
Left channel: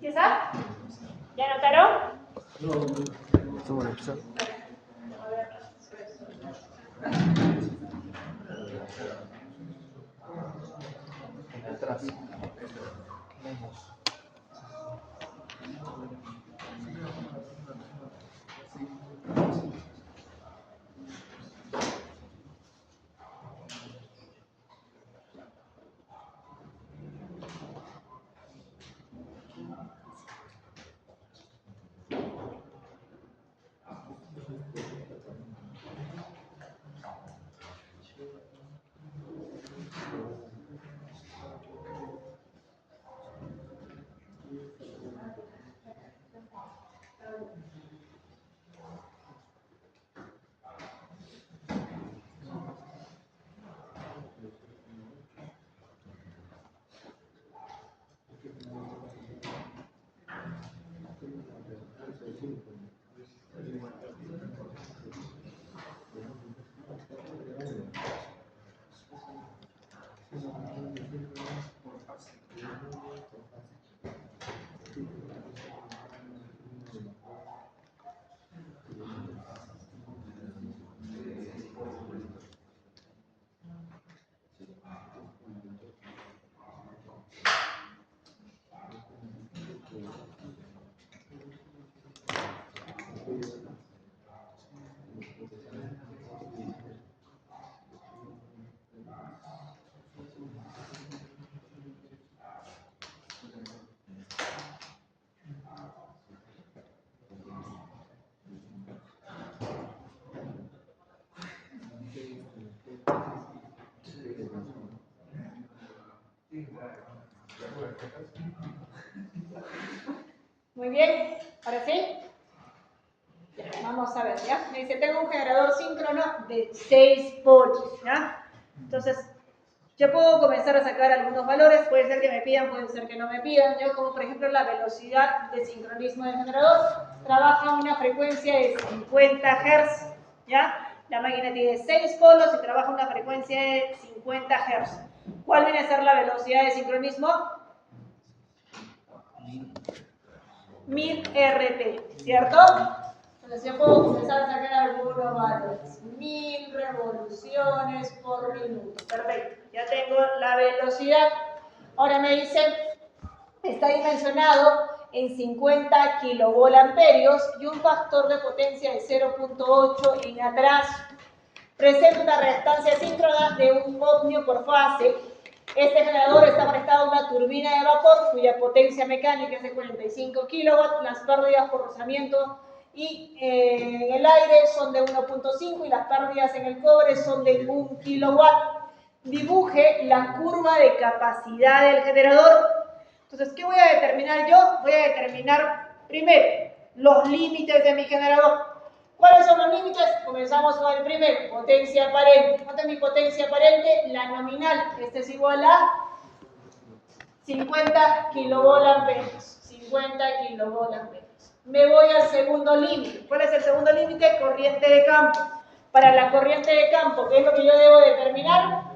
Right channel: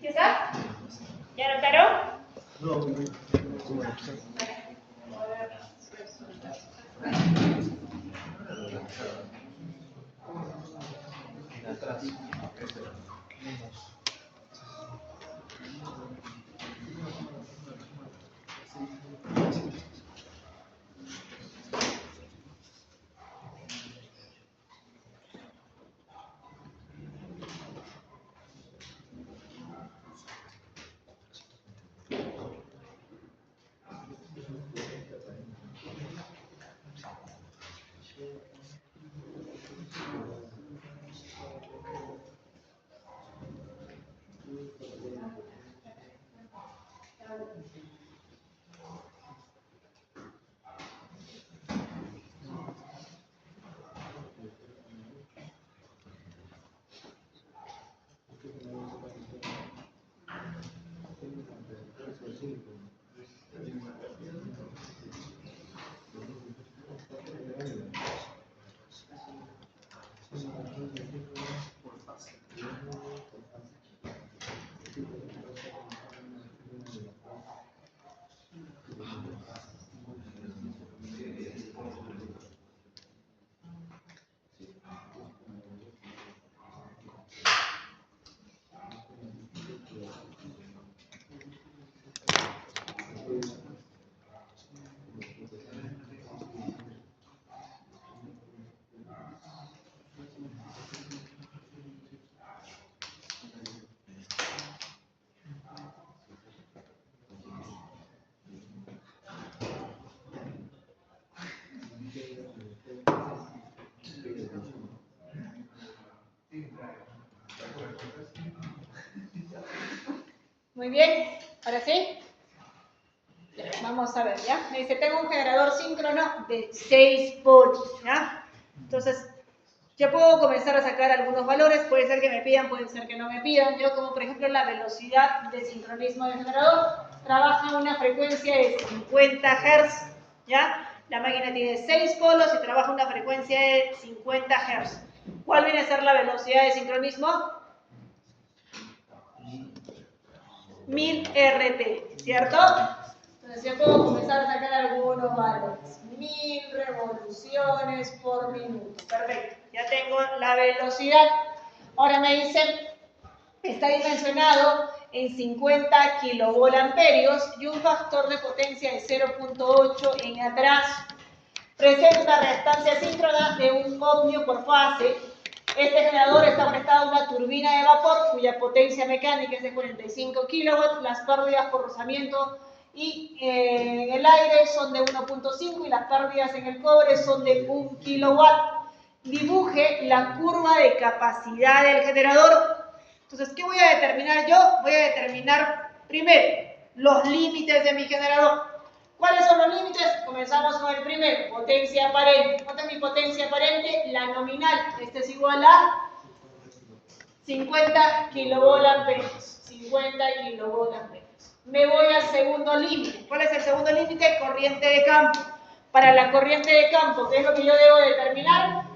¿Sí está? ¿Ya anotaron? Muy bien, ahora sí. Ya, vamos a ver, ¿ya? Me dice, tengo un generador síncrono de 6 polos, ¿ya? Entonces, yo puedo comenzar a sacar algunos valores, puede ser que me pidan, puede ser que no me pidan. Yo, como por ejemplo la velocidad de sincronismo del generador, trabaja a una frecuencia de 50 Hz, ¿ya? La máquina tiene 6 polos y trabaja a una frecuencia de 50 Hz. ¿Cuál viene a ser la velocidad de sincronismo? 1000 RT, ¿cierto? Entonces yo puedo comenzar a sacar algunos valores. 1000 revoluciones por minuto. Perfecto. Ya tengo la velocidad. Ahora me dicen, está dimensionado en 50 kilovolamperios y un factor de potencia de 0.8 en atrás. Presenta una reactancia síncrona de un ohmio por fase. Este generador está conectado a una turbina de vapor cuya potencia mecánica es de 45 kilowatts. Las pérdidas por rozamiento y en el aire son de 1.5 y las pérdidas en el cobre son de 1 kilowatt. Dibuje la curva de capacidad del generador. Entonces, ¿qué voy a determinar yo? Voy a determinar primero los límites de mi generador. ¿Cuáles son los límites? Comenzamos con el primero, potencia aparente. ¿Cuánta es mi potencia aparente? La nominal. Este es igual a 50 kilovolamperios. 50 kilovolamperios. Me voy al segundo límite. ¿Cuál es el segundo límite? Corriente de campo. Para la corriente de campo, ¿qué es lo que yo debo determinar?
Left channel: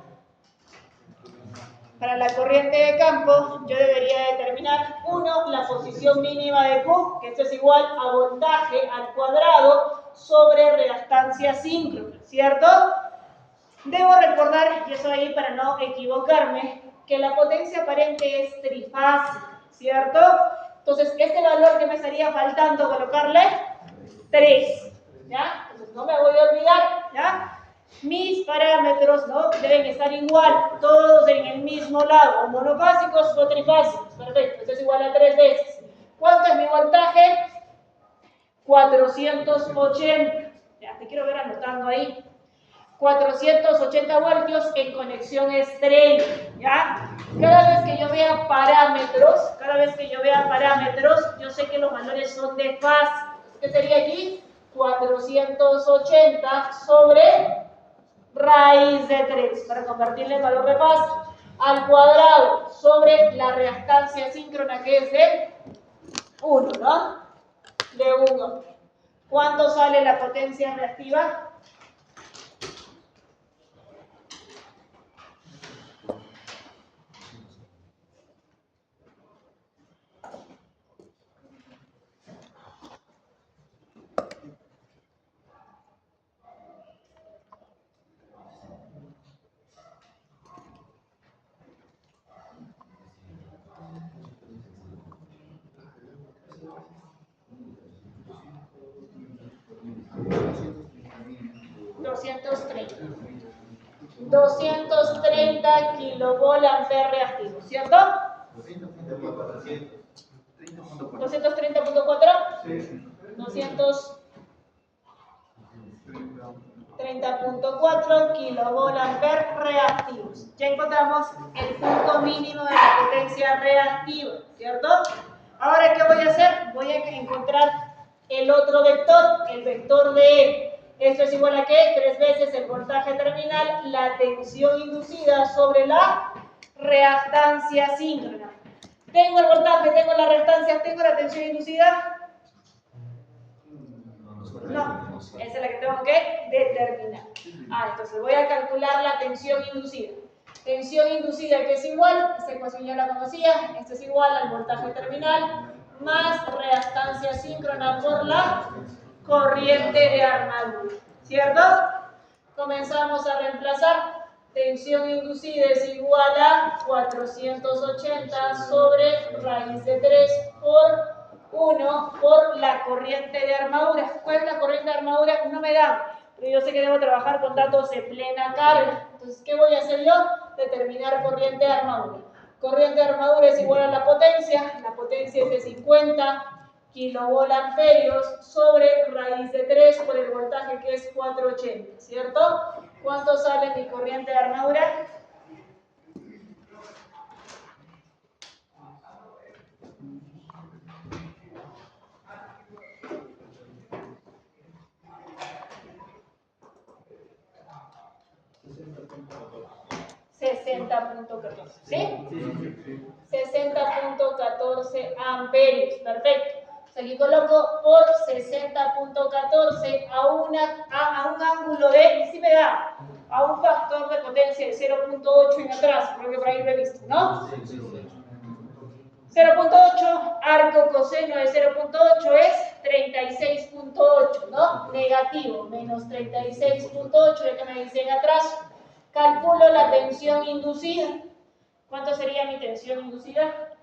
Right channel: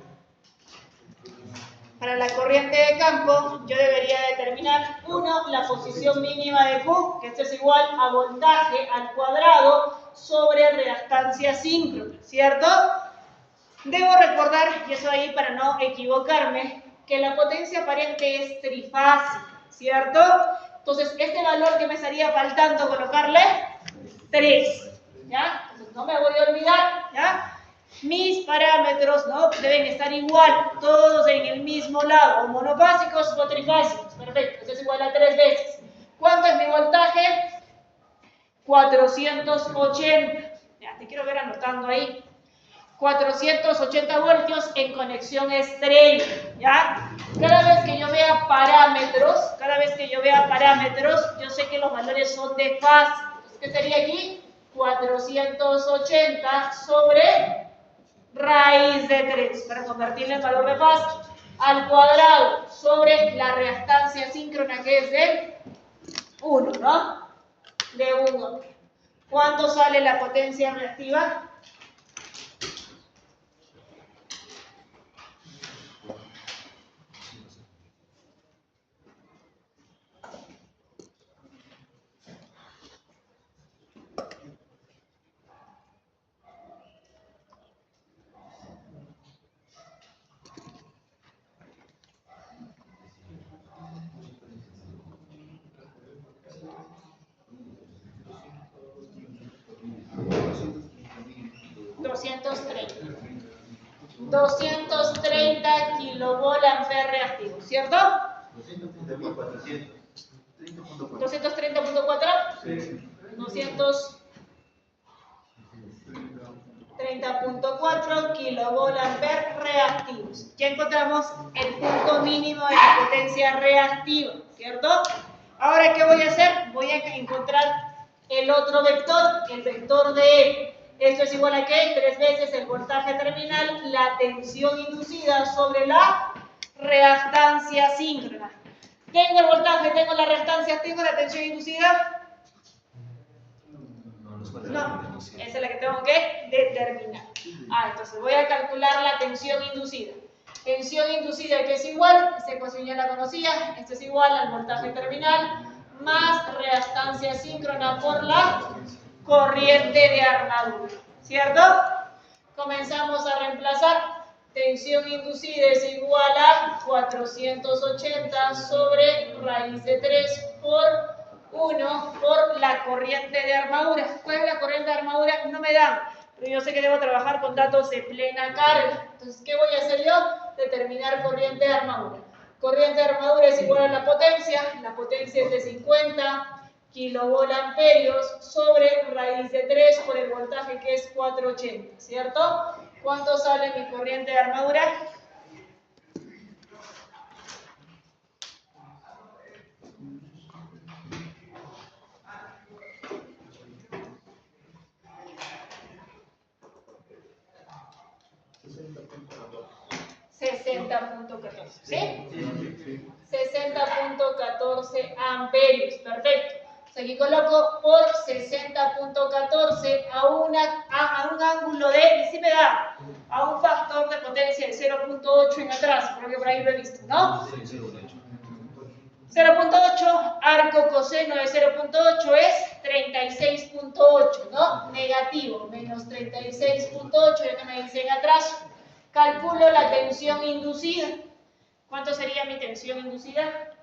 Para la corriente de campo, yo debería determinar, 1, la posición mínima de Q, que esto es igual a voltaje al cuadrado sobre reactancia síncrona, ¿cierto? Debo recordar, y eso ahí para no equivocarme, que la potencia aparente es trifásica, ¿cierto? Entonces, este valor que me estaría faltando colocarle, 3, ¿ya? Entonces, no me voy a olvidar, ¿ya? Mis parámetros, ¿no?, deben estar igual, todos en el mismo lado, o monofásicos o trifásicos. Perfecto, esto es igual a 3 veces. ¿Cuánto es mi voltaje? 480. Ya, te quiero ver anotando ahí. 480 voltios en conexión estrella, ¿ya? Cada vez que yo vea parámetros, yo sé que los valores son de fase. ¿Qué sería aquí? 480 sobre raíz de 3, para convertirle en valor de fase, al cuadrado sobre la reactancia síncrona, que es de 1, ¿no? De 1. ¿Cuánto sale la potencia reactiva? $230 kilovolamperes reactivos, ¿cierto? 230.4. Sí. 230.4 kilovolamperes reactivos. Ya encontramos el punto mínimo de la potencia reactiva, ¿cierto? Ahora, ¿qué voy a hacer? Voy a encontrar el otro vector, el vector de E. Esto es igual a ¿qué? 3 veces el voltaje terminal, la tensión inducida sobre la reactancia síncrona. Tengo el voltaje, tengo la reactancia, tengo la tensión inducida. No, esa es la que tengo que determinar. Entonces voy a calcular la tensión inducida. Tensión inducida, que es igual, esta ecuación ya la conocía, esto es igual al voltaje terminal más reactancia síncrona por la corriente de armadura, ¿cierto? Comenzamos a reemplazar. Tensión inducida es igual a 480 sobre raíz de 3 por 1 por la corriente de armadura. ¿Cuál es la corriente de armadura? No me dan, pero yo sé que debo trabajar con datos de plena carga. Entonces, ¿qué voy a hacer yo? Determinar corriente de armadura. Corriente de armadura es igual a la potencia es de 50 kilovolamperios sobre raíz de 3 por el voltaje, que es 480, ¿cierto? ¿Cuánto sale mi corriente de armadura? 60.14, ¿sí? 60.14 amperios, perfecto. Entonces aquí coloco por 60.14 a un ángulo de, y si me da, a un factor de potencia de 0.8 en atrás, creo que por ahí lo he visto, ¿no? 0.8, arco coseno de 0.8 es 36.8, ¿no? Negativo, menos 36.8, ya que me dice en atrás. Calculo la tensión inducida. ¿Cuánto sería mi tensión inducida?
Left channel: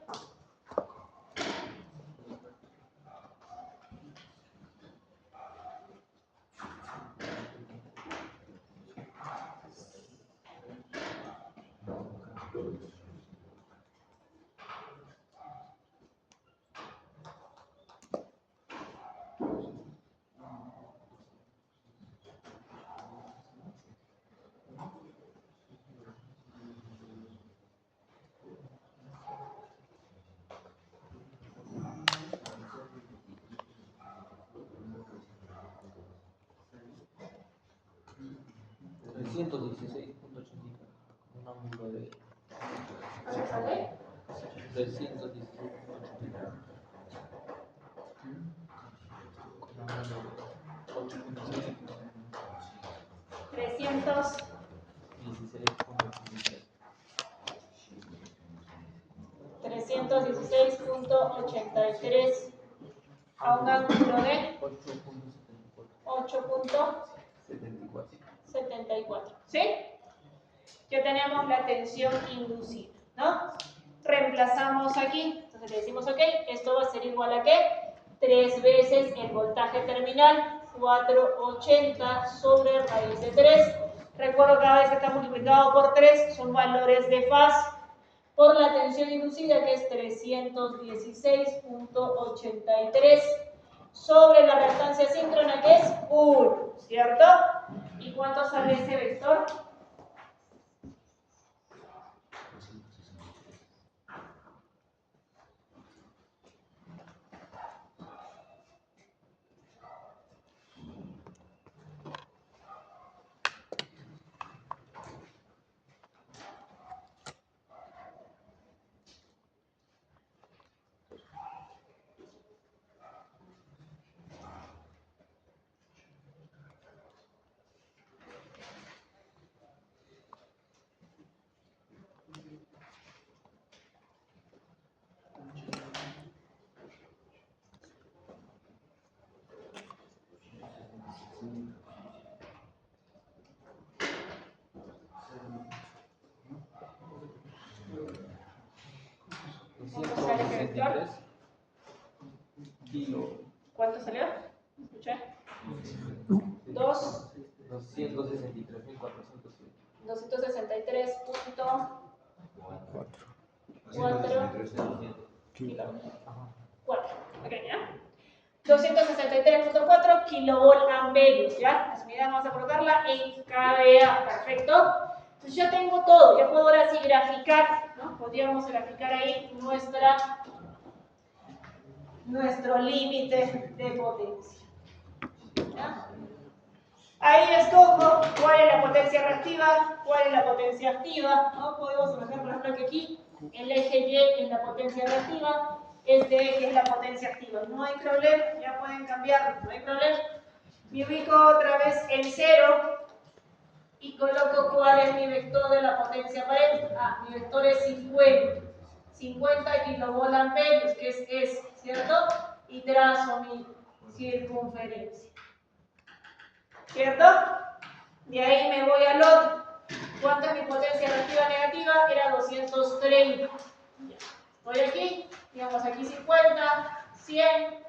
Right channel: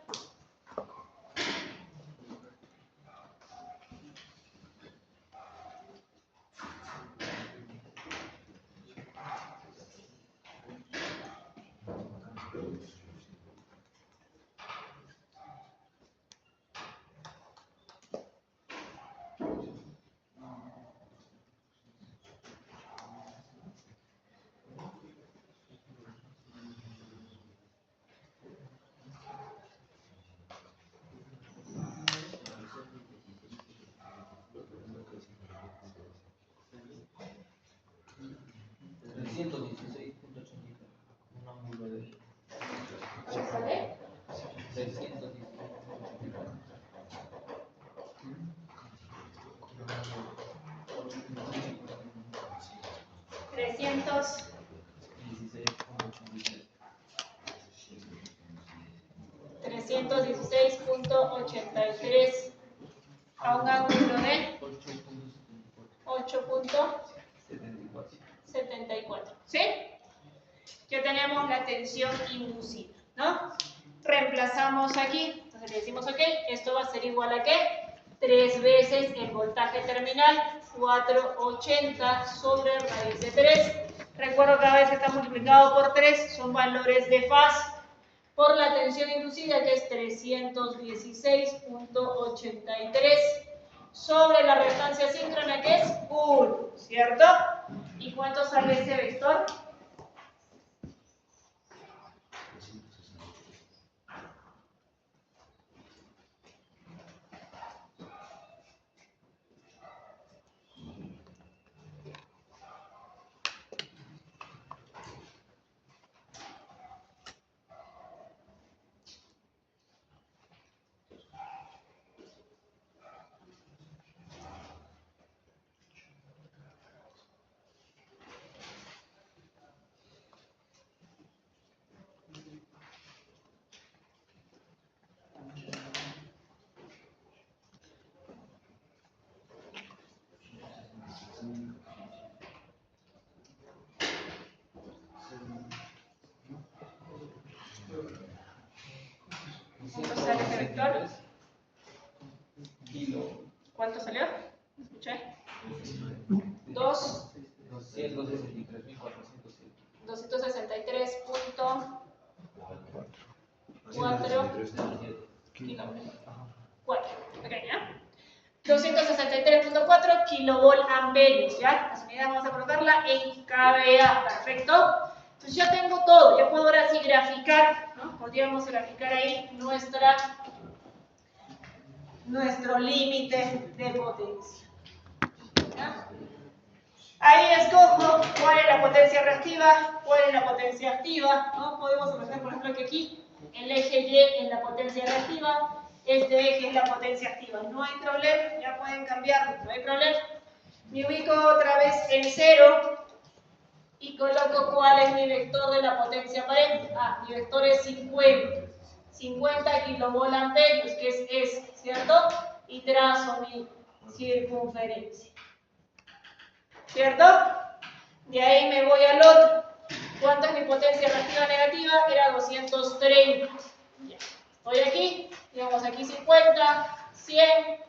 ¿Sale? 316.83 a un ángulo de 8.74. ¿Sí? Ya tenemos la tensión inducida, ¿no? Reemplazamos aquí, entonces le decimos, ok, esto va a ser igual a ¿qué? 3 veces el voltaje terminal, 480 sobre raíz de 3. Recuerdo que cada vez que está multiplicado por 3 son valores de fase, por la tensión inducida que es 316.83 sobre la reactancia síncrona que es 1, ¿cierto? ¿Y cuánto sale ese vector? ¿Cuánto sale ese vector? ¿Cuánto salió? ¿Escuché? 263.4 ok, ¿ya? 263.4 kilovolt amperios, ¿ya? Las unidades vamos a colocarla en kVA, perfecto. Entonces ya tengo todo, ya puedo ahora sí graficar, ¿no? Podríamos graficar ahí nuestro límite de potencia. ¿Ya? Ahí escojo cuál es la potencia reactiva, cuál es la potencia activa, ¿no? Podemos imaginar, por ejemplo, que aquí el eje Y es la potencia reactiva, este eje es la potencia activa. No hay problema, ya pueden cambiarlo, no hay problema. Me ubico otra vez en 0 y coloco cuál es mi vector de la potencia aparente. Mi vector es 50 kilovolt amperios, que es ese, ¿cierto? Y trazo mi circunferencia. ¿Cierto? De ahí me voy al otro. ¿Cuánto es mi potencia reactiva negativa? Era 230. Ya. Estoy aquí, digamos aquí 50, 100,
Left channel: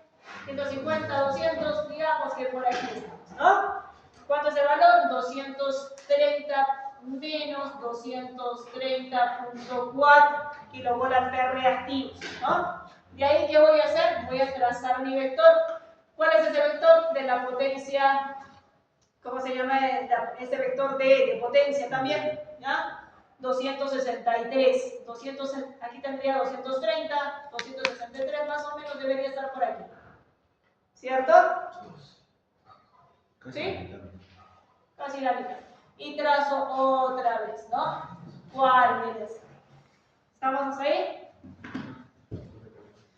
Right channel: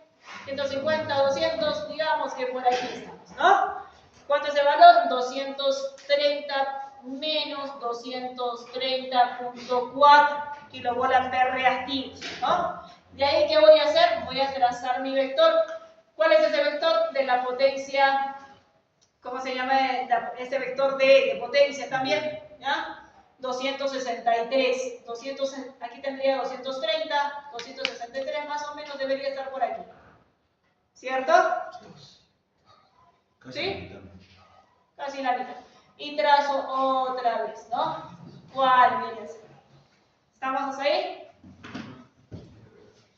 150, 200, digamos que por aquí estamos, ¿no? ¿Cuánto es el valor? 230 menos 230.4 kilovolt reactivos, ¿no? De ahí, ¿qué voy a hacer? Voy a trazar mi vector. ¿Cuál es ese vector? De la potencia. ¿Cómo se llama este vector de potencia también? ¿Ya? 263. Aquí tendría 230, 263 más o menos debería estar por aquí. ¿Cierto? ¿Sí? Casi la mitad. Y trazo otra vez, ¿no? ¿Cuál viene a ser? ¿Estamos ahí?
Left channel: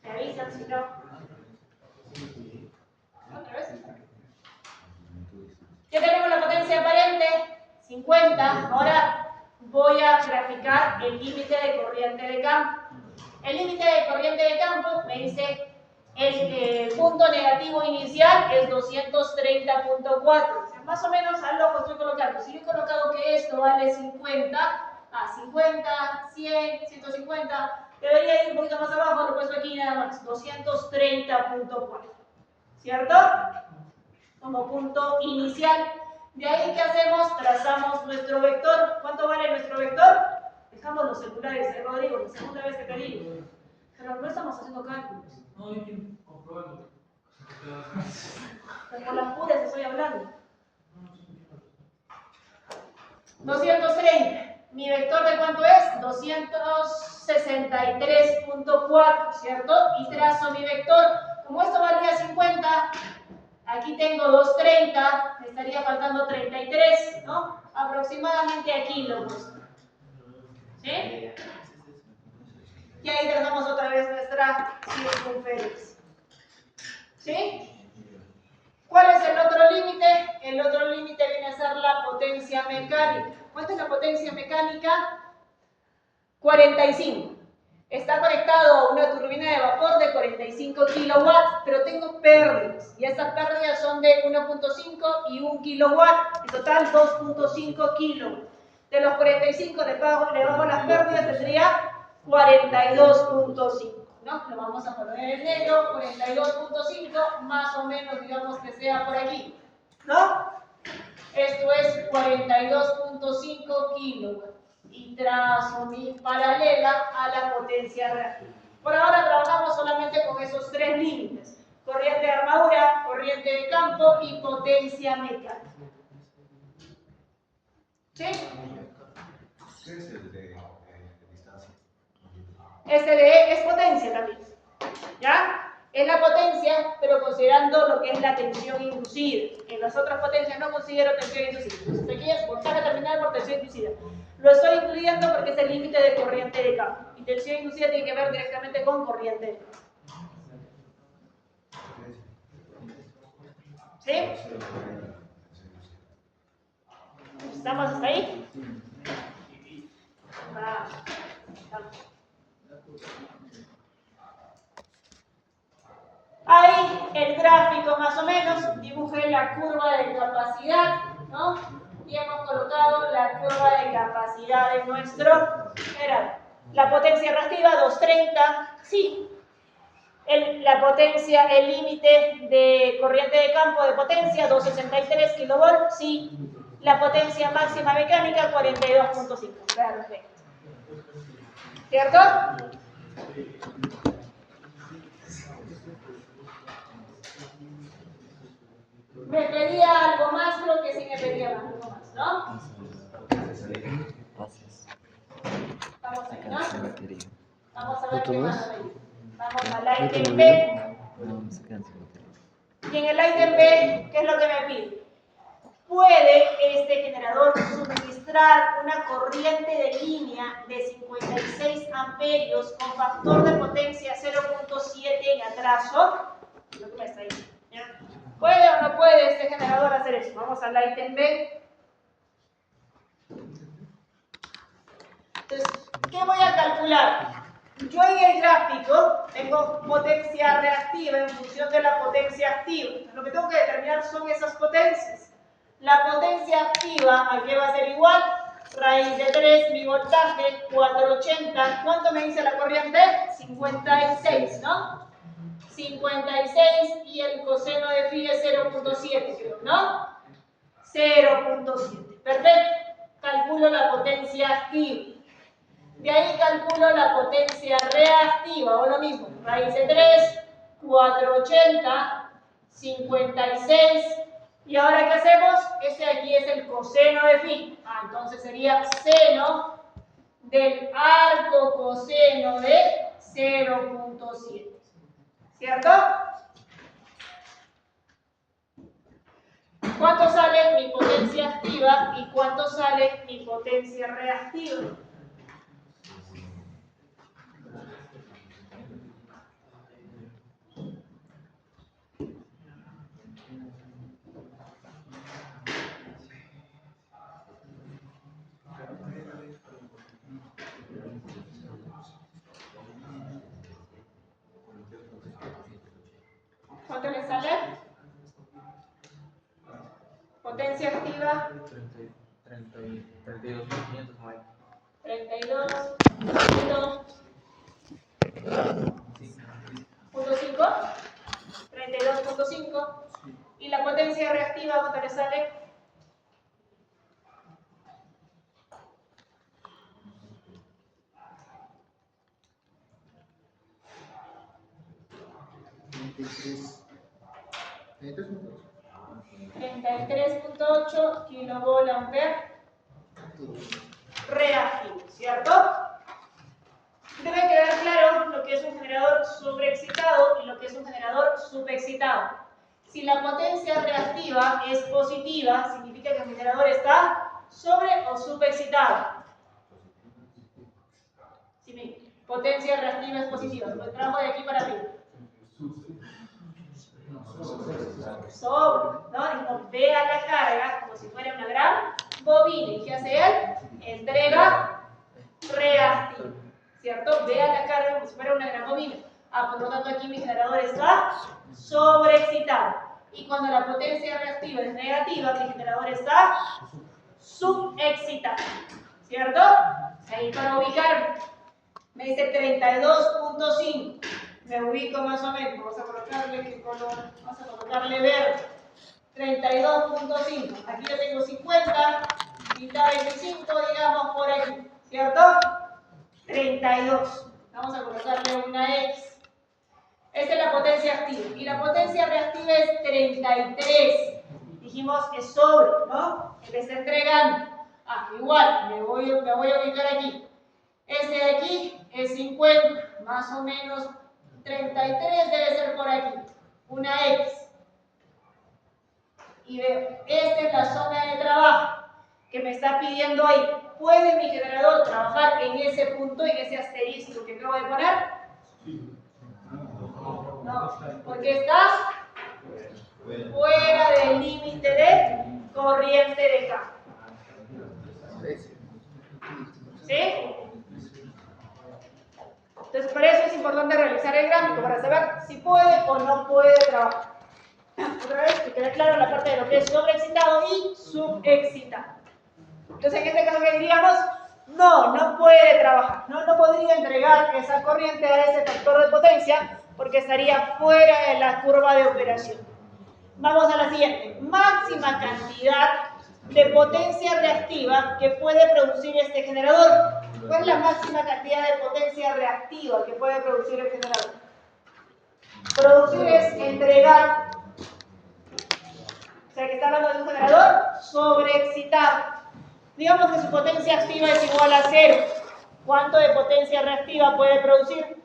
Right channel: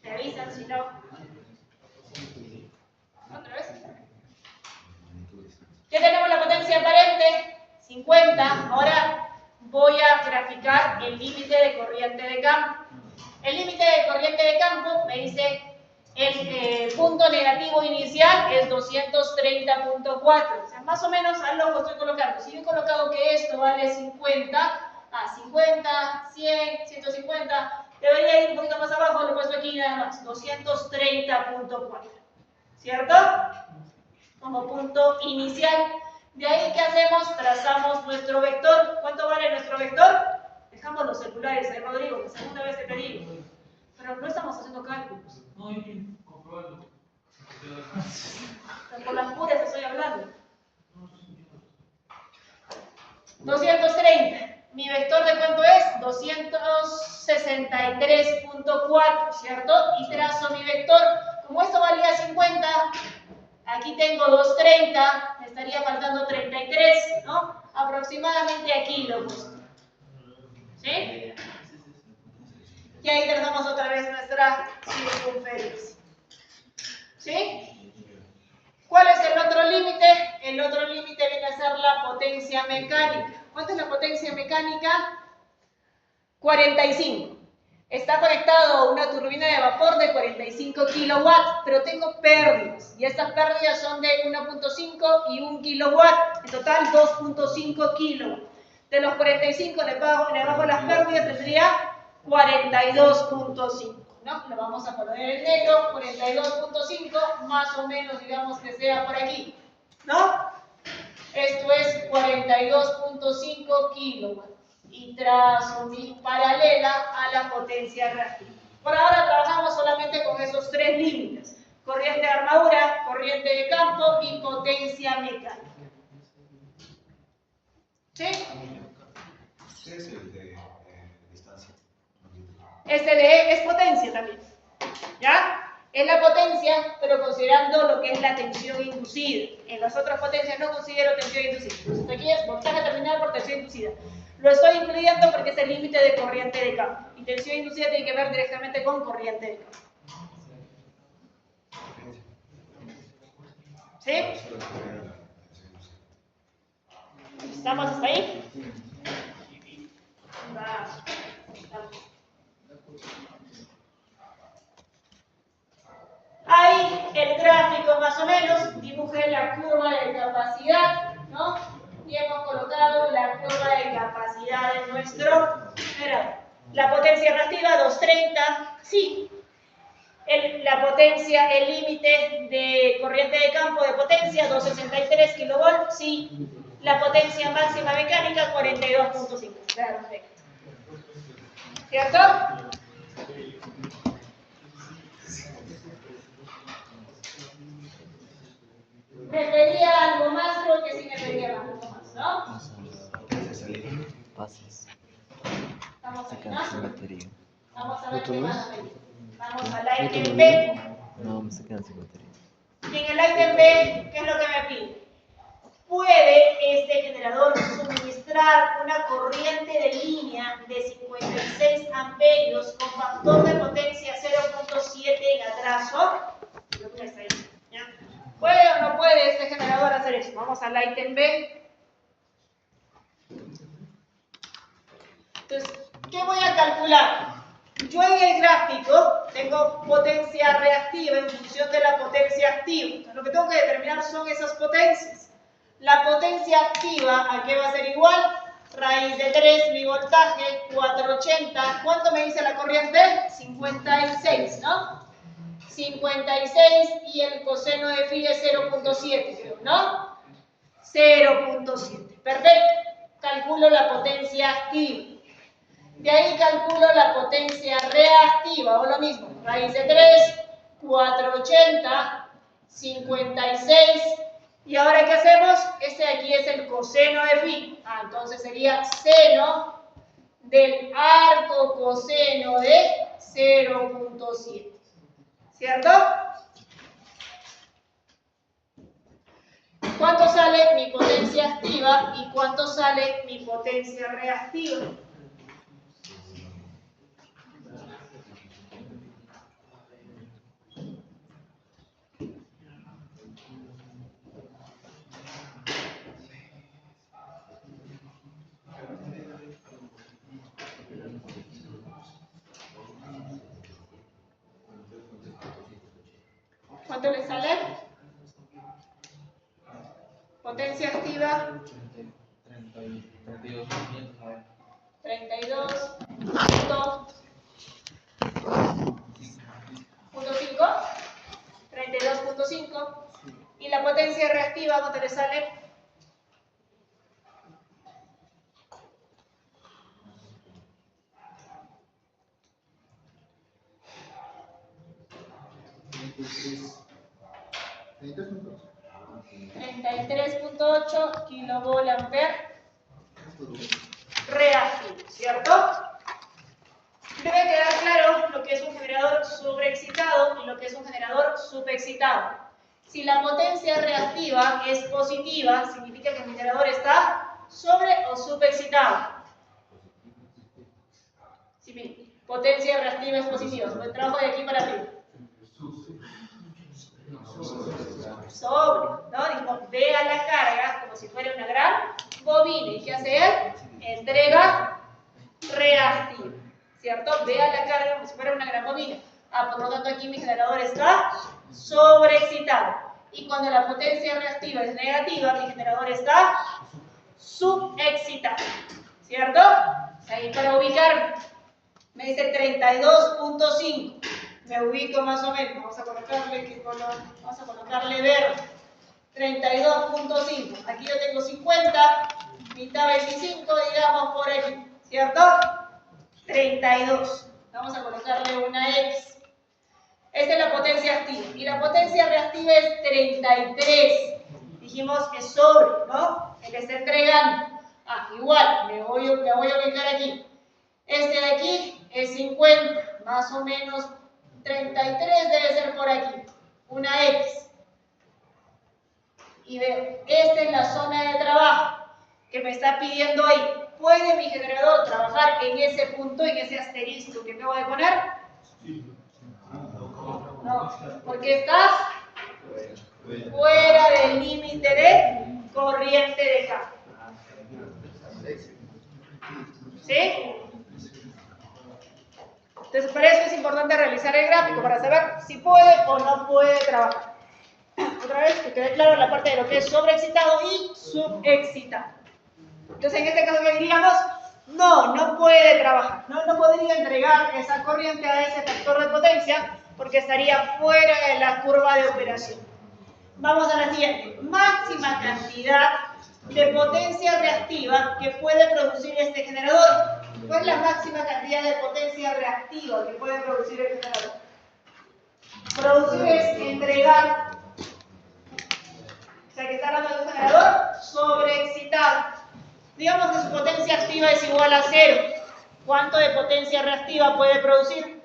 Me avisan si no. ¿Otra vez? Ya tenemos la potencia aparente, 50. Ahora voy a graficar el límite de corriente de campo. El límite de corriente de campo me dice el punto negativo inicial es 230.4. O sea, más o menos al ojo estoy colocando. Si yo he colocado que esto vale 50, 50, 100, 150, debería ir un poquito más abajo, lo he puesto aquí nada más, 230.4. ¿Cierto? Como punto inicial. De ahí, ¿qué hacemos? Trazamos nuestro vector. ¿Cuánto vale nuestro vector? Dejamos los celulares de Rodrigo, la segunda vez que te digo. Pero no estamos haciendo cálculos. No, yo quiero comprobarlo. Por las puras estoy hablando. 230. ¿Mi vector de cuánto es? 263.4, ¿cierto? Y trazo mi vector. Como esto valía 50, aquí tengo 230, me estaría faltando 33, ¿no? Aproximadamente aquí lo puse. ¿Sí? Y ahí trazamos otra vez nuestra circunferencia. ¿Sí? ¿Cuál es el otro límite? El otro límite viene a ser la potencia mecánica. ¿Cuánto es la potencia mecánica? 45. Está conectado a una turbina de vapor de 45 kilowatts, pero tengo pérdidas. Y estas pérdidas son de 1.5 y 1 kilowatt. En total, 2.5 kilowatts. De los 45 le bajo las pérdidas, tendría 42.5. ¿No? Lo vamos a poner en negro, 42.5, más o menos, digamos que sea por aquí, ¿no? Esto es 42.5 kilowatts y trazo mi paralela a la potencia reactiva. Por ahora trabajamos solamente con esos tres límites: corriente de armadura, corriente de campo y potencia mecánica. ¿Sí? ¿Qué es el de distancia? Este de E es potencia también, ¿ya? Es la potencia, pero considerando lo que es la tensión inducida. En las otras potencias no considero tensión inducida. Entonces aquí es voltaje terminal por tensión inducida. Lo estoy incluyendo porque es el límite de corriente de campo. Y tensión inducida tiene que ver directamente con corriente de campo. ¿Sí? ¿Estamos hasta ahí? Ahí el gráfico más o menos, dibujé la curva de capacidad, ¿no? Y hemos colocado la curva de capacidad de nuestro generador. La potencia reactiva 230, sí. La potencia, el límite de corriente de campo de potencia 263 kilovolts, sí. La potencia máxima mecánica 42.5. Perfecto. ¿Cierto? Me pedía algo más, creo que sí me pedía algo más, ¿no? Pases. Vamos ahí, Sacan sin ¿no? batería. Vamos a ver qué ¿Otro más más? hay. Vamos a la ¿No te ítem lo B. No, me sacan sin batería. Y en el ítem B, ¿qué es lo que me pide? ¿Puede este generador suministrar una corriente de línea de 56 amperios con factor de potencia 0.7 en atraso? Lo que me está diciendo, ¿ya? ¿Puede o no puede este generador hacer eso? Vamos al ítem B. Entonces, ¿qué voy a calcular? Yo en el gráfico tengo potencia reactiva en función de la potencia activa. Entonces, lo que tengo que determinar son esas potencias. La potencia activa, ¿a qué va a ser igual? Raíz de 3, mi voltaje, 480. ¿Cuánto me dice la corriente? 56, ¿no? 56 y el coseno de phi es 0.7, creo, ¿no? 0.7. Perfecto. Calculo la potencia activa. De ahí calculo la potencia reactiva, o lo mismo, raíz de 3, 480, 56, y ahora ¿qué hacemos? Este de aquí es el coseno de phi, entonces sería seno del arco coseno de 0.7, ¿cierto? ¿Cuánto sale mi potencia activa y cuánto sale mi potencia reactiva? ¿Cuánto le sale? Potencia activa 32.509. 32.5. ¿Y la potencia reactiva cuánto le sale? ¿23? 33.8 kilovolt-ampere reactivo, ¿cierto? Debe quedar claro lo que es un generador sobreexcitado y lo que es un generador subexcitado. Si la potencia reactiva es positiva, significa que el generador está sobre o subexcitado. Sí, miren, potencia reactiva es positiva, el trabajo de aquí para arriba. Sobre, ¿no? Dijimos, ve a la carga como si fuera una gran bobina. ¿Y qué hace él? Entrega reactiva, ¿cierto? Ve a la carga como si fuera una gran bobina. Por lo tanto, aquí mi generador está sobreexcitado. Y cuando la potencia reactiva es negativa, mi generador está subexcitado, ¿cierto? Ahí para ubicarme, me dice 32.5. Me ubico más o menos. Vamos a colocarle ¿qué color? Vamos a colocarle verde. 32.5. Aquí yo tengo 50, mitad 25, digamos por aquí, ¿cierto? 32. Vamos a colocarle una X. Esta es la potencia activa. Y la potencia reactiva es 33. Dijimos que es sobre, ¿no? Él está entregando. Igual, me voy a ubicar aquí. Este de aquí es 50, más o menos 33 debe ser por aquí, una X. Y veo, esta es la zona de trabajo que me está pidiendo ahí. ¿Puede mi generador trabajar en ese punto, en ese asterisco que acabo de poner? No, porque estás fuera del límite de corriente de campo. ¿Sí? Entonces, para eso es importante realizar el gráfico, para saber si puede o no puede trabajar. Otra vez, que quede claro la parte de lo que es sobreexcitado y subexcitado. Entonces, en este caso, ¿qué diríamos? No puede trabajar. No podría entregar esa corriente a ese factor de potencia porque estaría fuera de la curva de operación. Vamos a la siguiente. Máxima cantidad de potencia reactiva que puede producir este generador. ¿Cuál es la máxima cantidad de potencia reactiva que puede producir el generador? Producir es entregar, o sea que está hablando de un generador sobreexcitado. Digamos que su potencia activa es igual a 0. ¿Cuánto de potencia reactiva puede producir?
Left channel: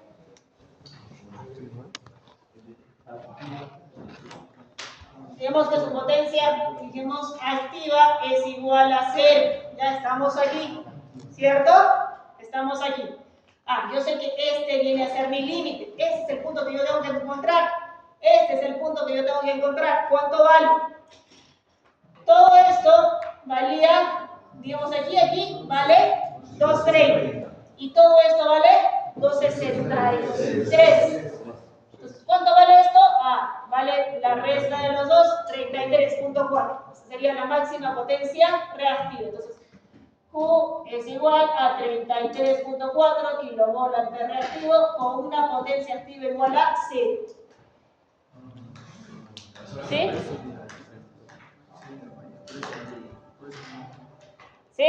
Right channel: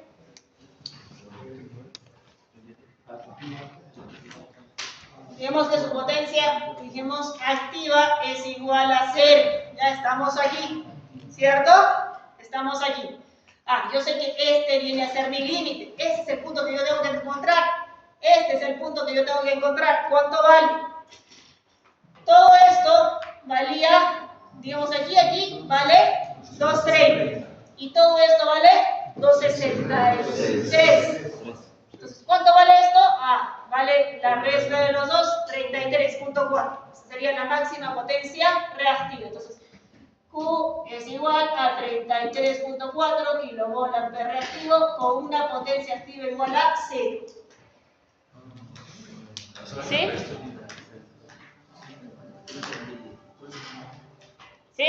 Digamos que su potencia, dijimos, activa es igual a 0. Ya estamos aquí, ¿cierto? Estamos aquí. Yo sé que este viene a ser mi límite. Este es el punto que yo tengo que encontrar. Este es el punto que yo tengo que encontrar. ¿Cuánto vale? Todo esto valía, digamos aquí, vale 2.30. Y todo esto vale 2.63. Entonces, ¿cuánto vale esto? Vale la resta de los dos, 33.4. Esa sería la máxima potencia reactiva. Entonces, Q es igual a 33.4 kilovolt-ampere reactivo con una potencia activa igual a 0. ¿Sí? ¿Sí?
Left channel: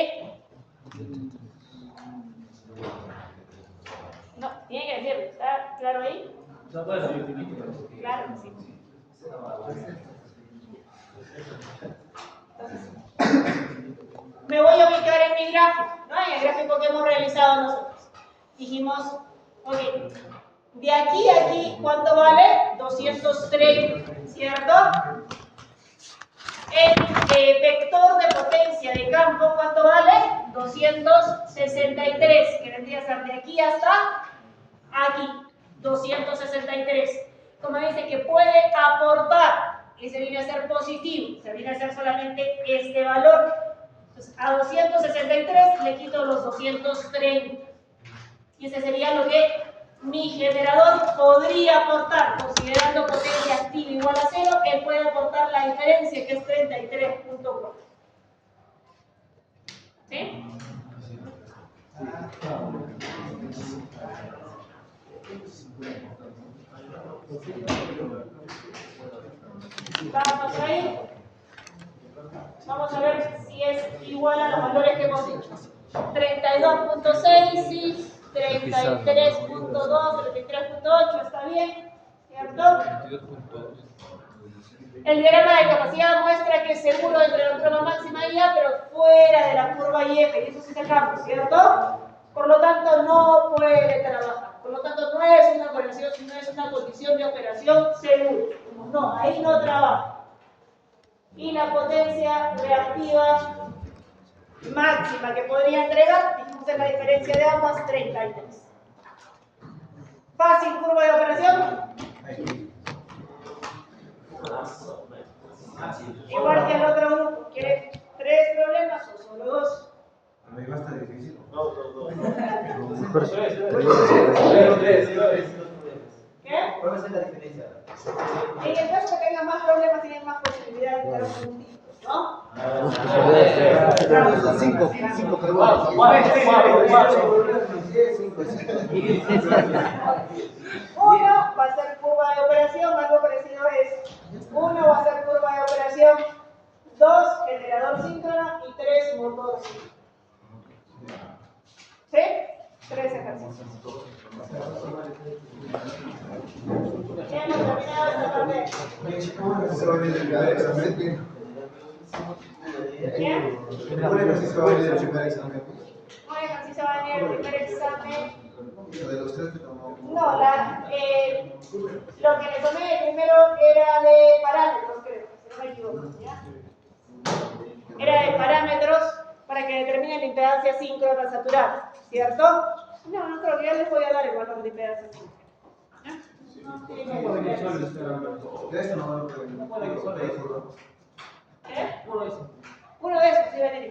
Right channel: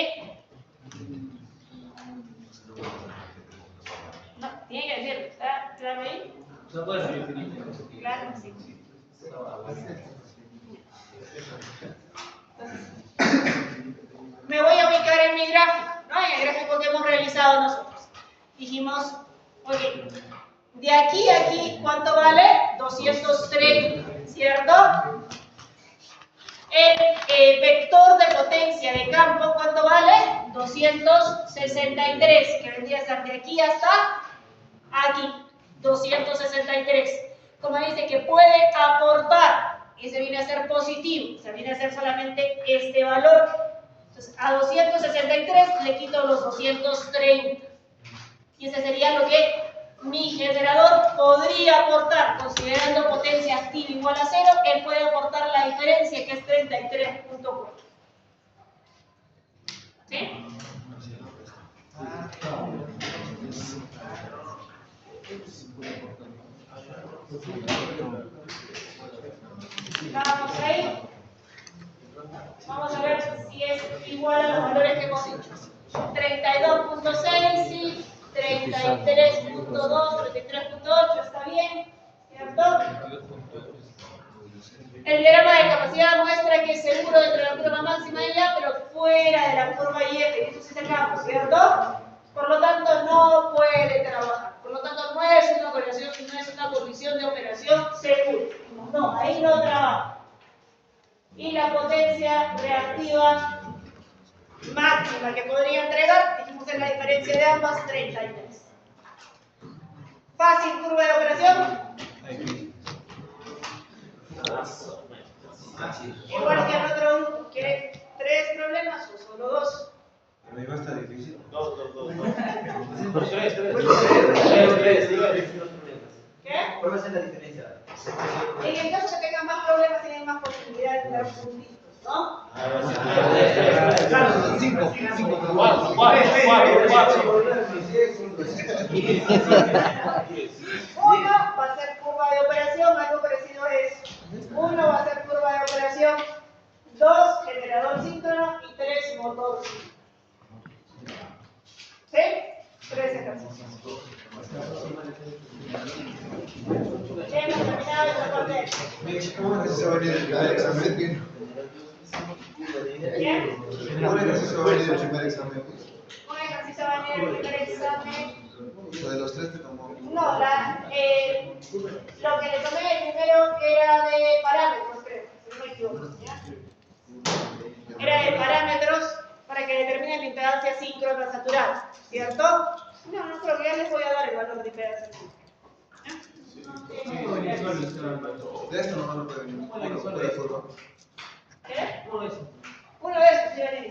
No, tiene que decirlo. ¿Está claro ahí? Claro, sí. Entonces, me voy a ubicar en mi gráfico, ¿no? En el gráfico que hemos realizado nosotros. Dijimos, ok, de aquí a aquí, ¿cuánto vale? 230, ¿cierto? El vector de potencia de campo, ¿cuánto vale? 263, que vendría a ser de aquí hasta aquí, 263. Como dice que puede aportar, y se viene a ser positivo, se viene a ser solamente este valor. Entonces, a 263 le quito los 230. Y ese sería lo que mi generador podría aportar, considerando potencia activa igual a 0, él puede aportar la diferencia, que es 33.4. ¿Sí? Vamos ahí. Vamos a ver si es igual a los valores que hemos dicho. 32.6, sí. 33.2, 33.8, está bien, ¿cierto? El diagrama de capacidad muestra que seguro entre la curva máxima y A, pero fuera de la curva y F, y eso sí sacamos, ¿cierto? Por lo tanto, no puede trabajar. Por lo tanto, no es una condición de operación segura. No, ahí no trabaja. Y la potencia reactiva máxima que podría entregar, dijimos en la diferencia de ambas, 33. Fácil curva de operación. Igual que el otro grupo. ¿Quiere 3 problemas o solo 2? Pero ahí va a estar difícil. ¿Qué? ¿Cuál va a ser la diferencia? En el caso que tengan más problemas, tienen más posibilidades de dar puntitos, ¿no? Claro, 5. Uno va a ser curva de operación, algo parecido a eso. Uno va a ser curva de operación, 2 generador síncrono y 3 motor síncrono. ¿Sí? 3 ejercicios. Hemos terminado esta parte. ¿Cómo ejercicio va a venir del primer examen? ¿Bien? ¿Cómo ejercicio va a venir del primer examen? Un ejercicio va a venir el primer examen. O sea, de los 3 que tomó. No, lo que le tomé primero era de parámetros, creo, si no me equivoco, ¿ya? Era de parámetros para que determine la impedancia síncrona saturada, ¿cierto? No creo que ya les voy a dar el valor de impedancia síncrona. De esto nomás no puede venir. ¿Qué? Uno de esos, sí, Dani.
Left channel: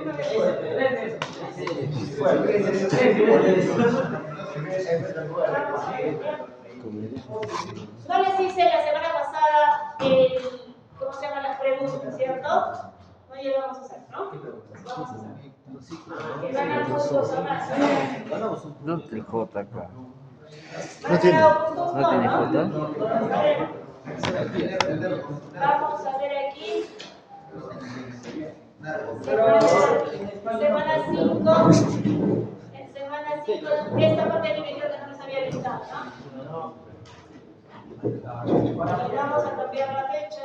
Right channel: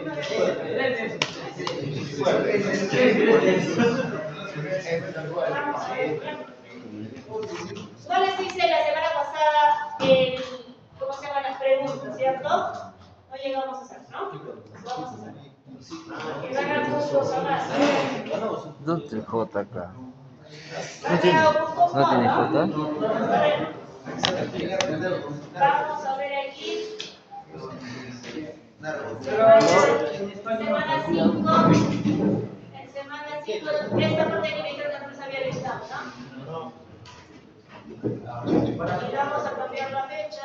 Uno de esos. Vamos a ver, ¿ya? No les hice la semana pasada cómo se llaman las preguntas, ¿cierto? No llegamos a hacer, ¿no? Vamos a hacer. Que van a puntos o más. ¿Dónde está el J acá? ¿No tiene? ¿No tiene J? Vamos a ver aquí. Semana 5. En semana 5, esta parte que creo que no se había listado, ¿no? Y vamos a cambiar la fecha.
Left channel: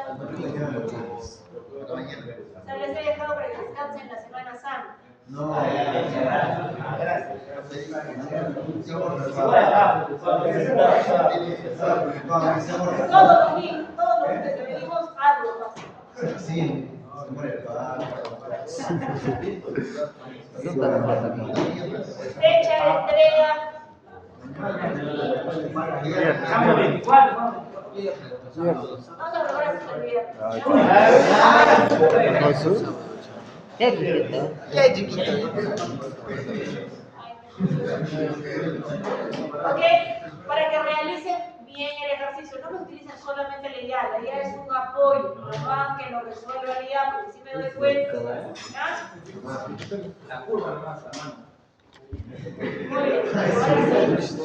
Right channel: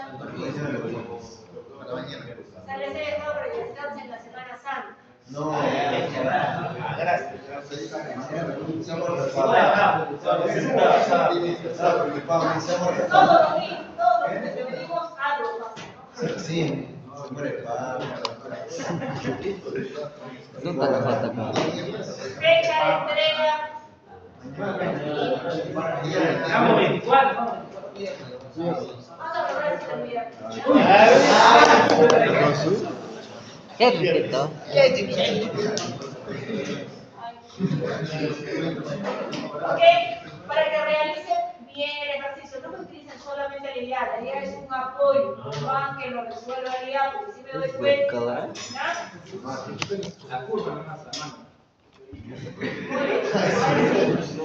Se les he dejado para que descansen la Semana Santa. No. Todos los fines que venimos, algo pasa. Sí, se muere el padre. ¿Dónde está el J acá? Fecha de entrega. Estamos 24. Vamos a probar si se olvida. ¿Qué chiquito? Ok, para que realicen bien el ejercicio, no lo utilicen solamente la idea es un apoyo, no más que lo resuelva la idea, porque si me doy cuenta, ¿ya? La curva nomás, la mano. Muy bien, ahora sí,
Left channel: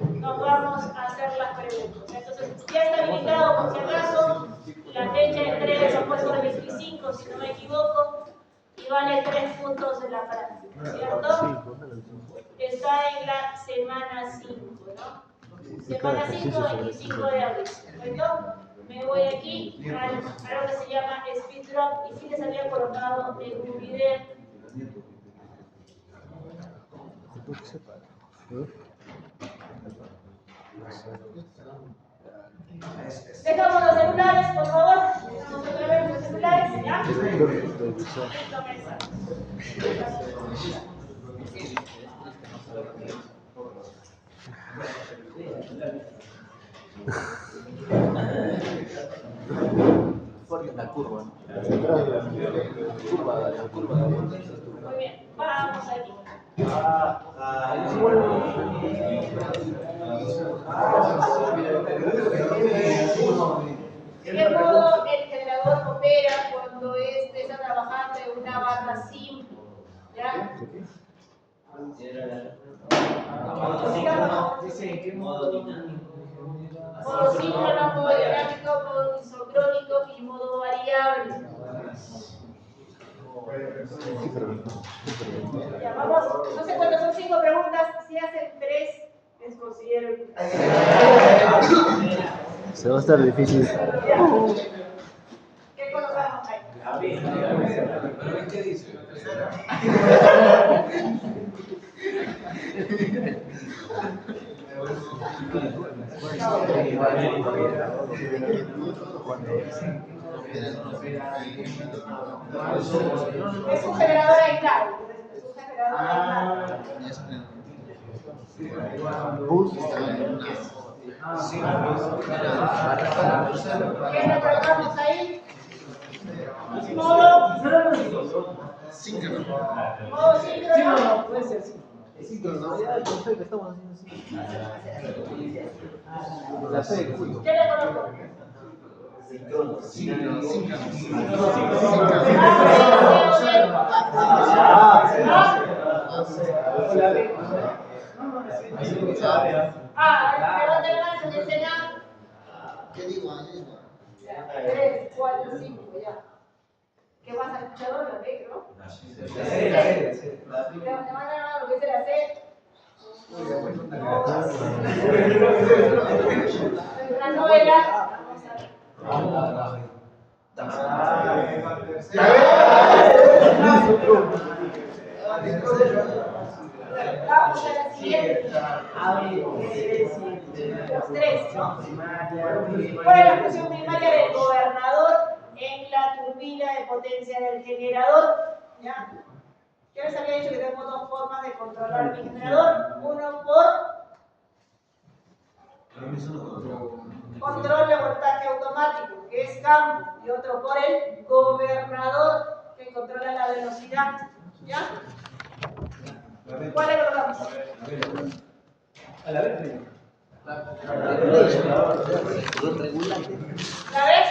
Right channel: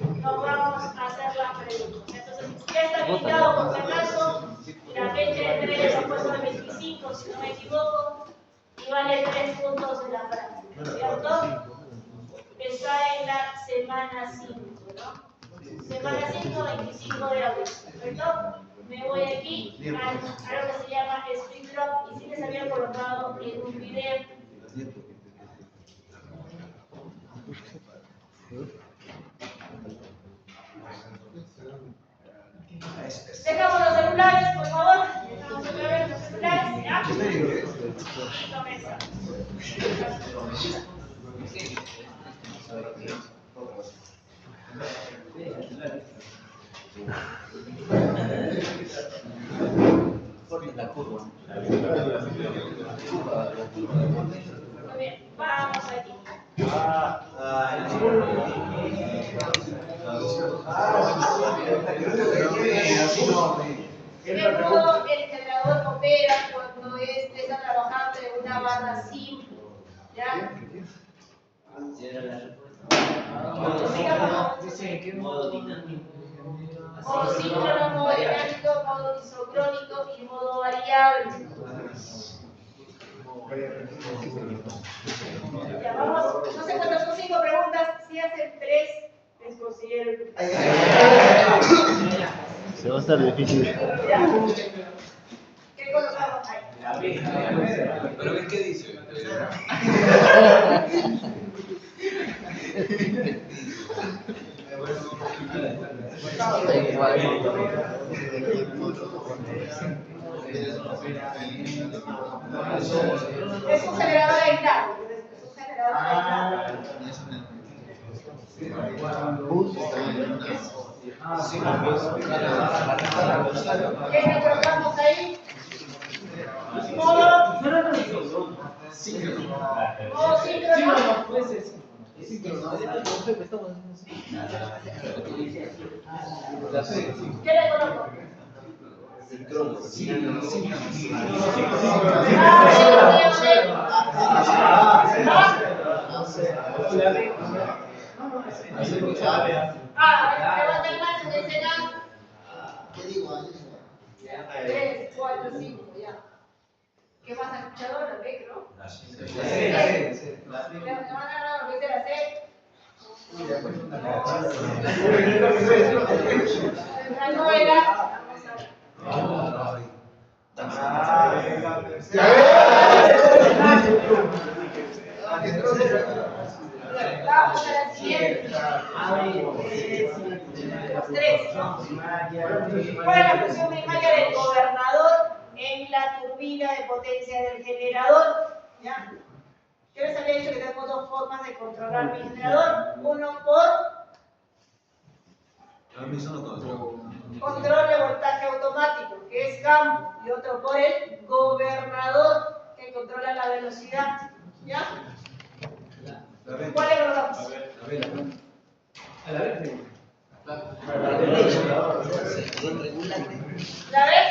nos vamos a hacer las preguntas. Entonces, ya está habilitado por si acaso, la fecha de entrega se ha puesto al 25, si no me equivoco, y vale 3 puntos en la práctica, ¿cierto? Está en la semana 5, ¿no? Semana 5, 25 de abril, ¿correcto? Me voy aquí a lo que se llama speed drop, y sí les había colocado en un video. Dejamos los celulares, por favor. Fuerte en la curva. Muy bien, vamos aquí. De modo, el generador opera cuando éste está trabajando en una banda simple. ¿Ya? Dice en qué modo dinámico. Modo síncrono, modo dinámico, modo isocrónico y modo variable. Ya, vamos, no sé cuántas son 5 preguntas, si hacen 3, les considero. Se va a estar difícil. Ya. ¿Qué colocamos ahí? Pero ven qué dice. Es un generador aislado. Es un generador aislado. ¿Qué le colocamos ahí? Modo síncrono. Puede ser sí. ¿Qué le coloco? Levanta la mano, me enseña. ¿Qué digo? 3, 4, 5, ya. ¿Qué más has escuchado? La B, ¿no? Levanta la mano, lo que sea la C. La novela. Vamos a la siguiente. 3. ¿Cuál es la función primaria del gobernador en la turbina de potencia del generador? ¿Ya? Yo les había dicho que tenemos 2 formas de controlar mi generador. Uno por control de voltaje automático, que es campo, y otro por el gobernador, que controla la velocidad. ¿Ya? ¿Cuál le colocamos? A la vez. ¿La ves?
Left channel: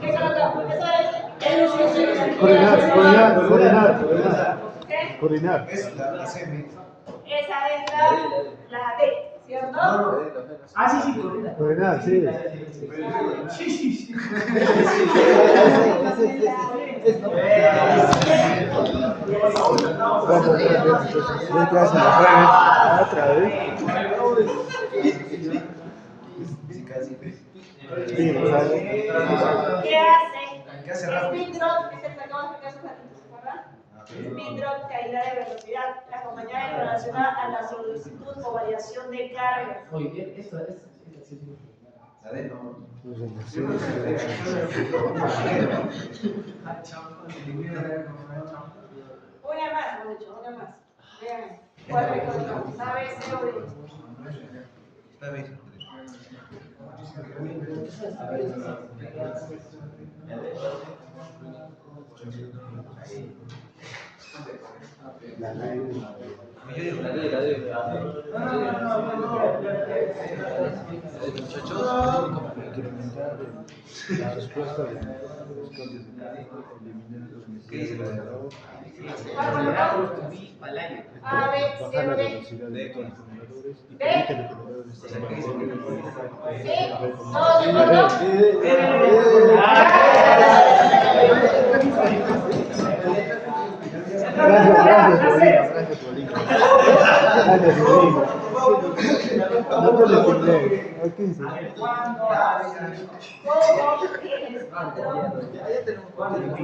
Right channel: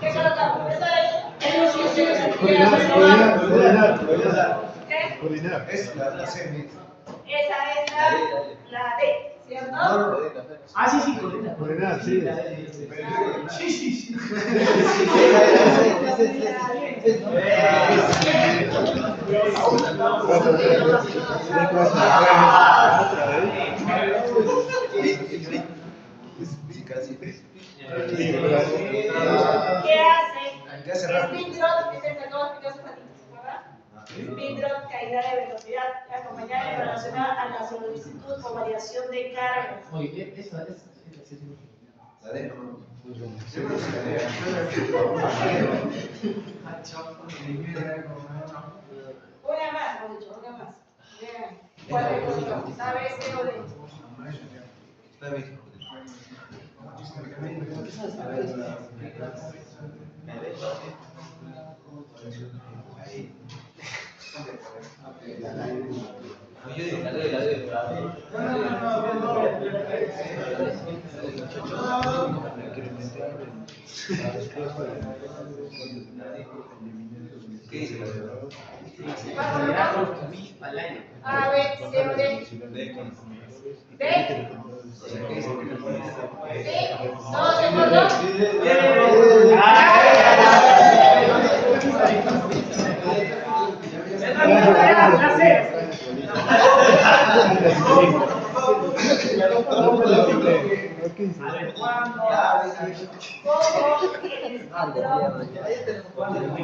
¿Qué colocamos? ¿Qué? Coordinar. Es la semi. Esa es la D, ¿cierto? Ah, sí, sí, coordina. Coordinar, sí. Sí. ¿Qué hace? ¿Qué hace rápido? Speed drop es el que acabo de explicar hace un ratito, ¿verdad? Speed drop, caída de velocidad, acompañada y relacionada a la solicitud o variación de carga. Oye, esto es. La D, no. Una más, mucho, una más. Vean, ¿cuál es el colocamos? ¿A, B, C o D? La B. Yo digo la D. ¿Qué dice la D? ¿Cuál colocamos? A, B, C o D. ¿D? ¿Sí? ¿Todos de acuerdo? Aquí dice. A ver, ¿cuándo?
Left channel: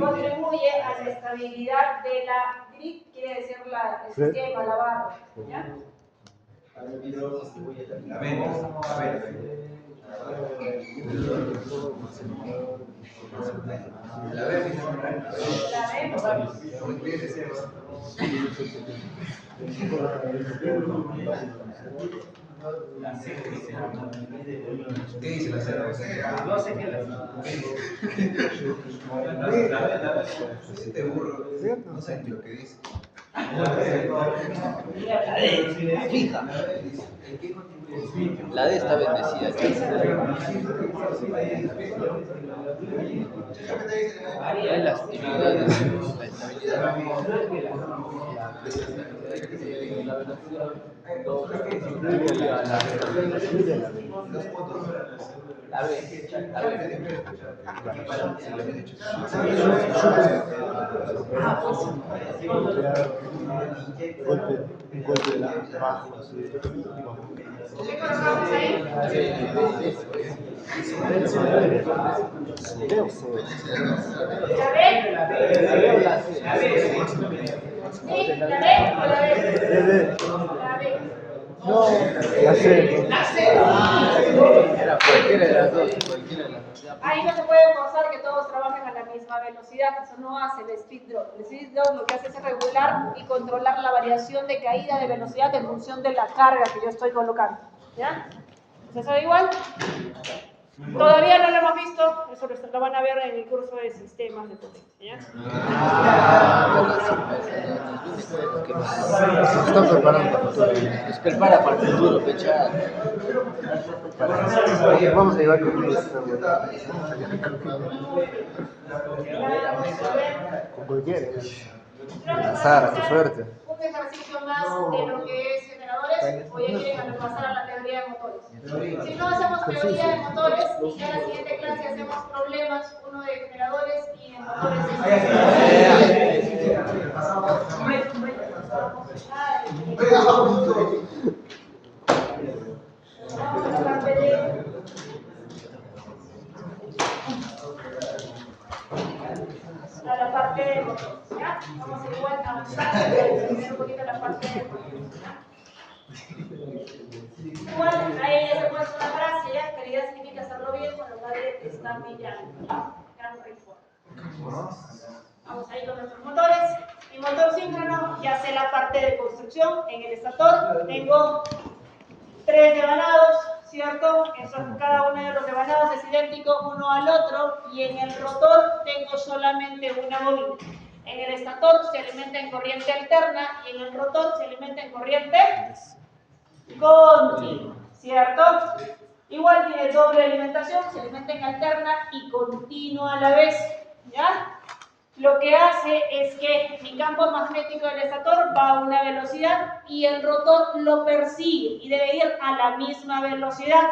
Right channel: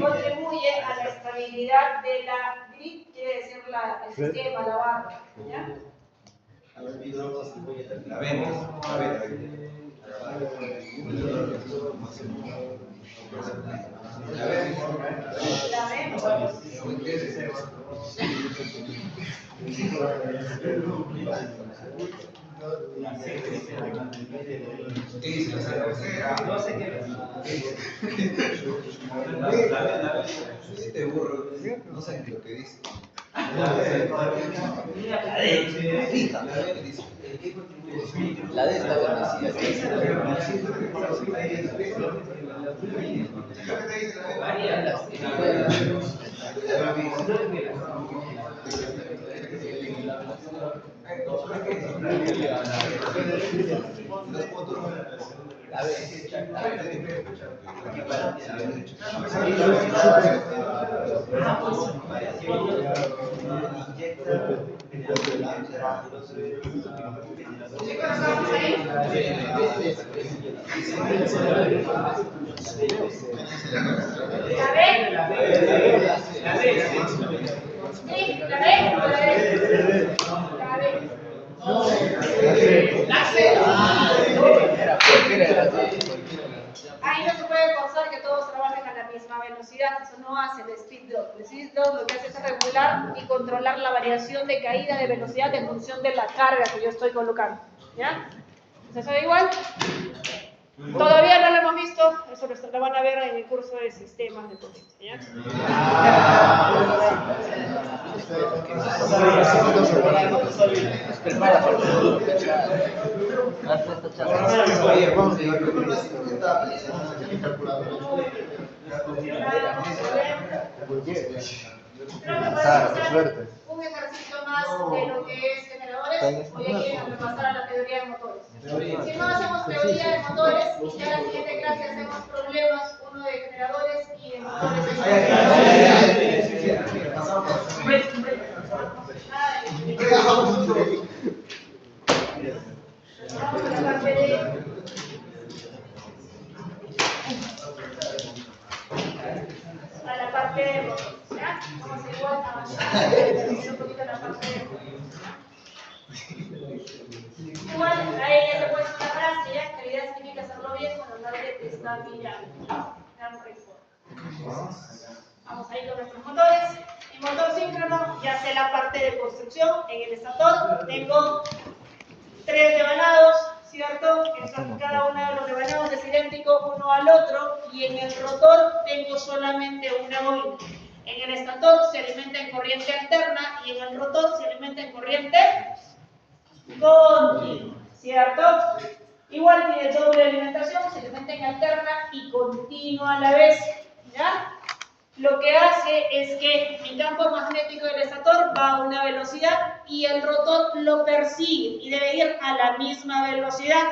Contribuye a la estabilidad de la grid, quiere decir el sistema, la barra. ¿Ya? La venta. La ¿Qué dice la cera? No sé qué Este burro, no sé lo que dice. Fija. La D está bendecida. En las Ahí no se puede forzar que todos trabajen a la misma velocidad, eso no hace el speed drop. El speed drop lo que hace es regular y controlar la variación de caída de velocidad en función de la carga que yo estoy colocando. ¿Ya? ¿Se sabe igual? Todavía no lo hemos visto, eso lo van a ver en el curso de sistemas de potencia. ¿Ya? nos prepara para el futuro, pecha. Vamos a llevar con Lanzar, tu suerte. Un ejercicio más de lo que es generadores, voy a repasar a la teoría de motores. Si no hacemos teoría de motores, ya en la siguiente clase hacemos problemas, uno de generadores y de motores. Vamos a la parte de... a la parte de motores, ¿ya? Vamos a igual avanzar, un poquito la parte de motores, ¿ya? Igual, ahí ya se ha puesto una frase, ¿ya? Calidad química, hacerlo bien cuando nadie te está mirando. Vamos ahí con nuestros motores. Mi motor síncrono, ya sé la parte de construcción. En el estator tengo 3 devanados, ¿cierto? Entonces cada uno de los devanados es idéntico uno al otro, y en el rotor tengo solamente una bobina. En el estator se alimenta en corriente alterna y en el rotor se alimenta en corriente continua, ¿cierto? Igual tiene doble alimentación, se alimenta en alterna y continua a la vez, ¿ya? Lo que hace es que mi campo magnético del estator va a una velocidad y el rotor lo persigue y debe ir a la misma velocidad.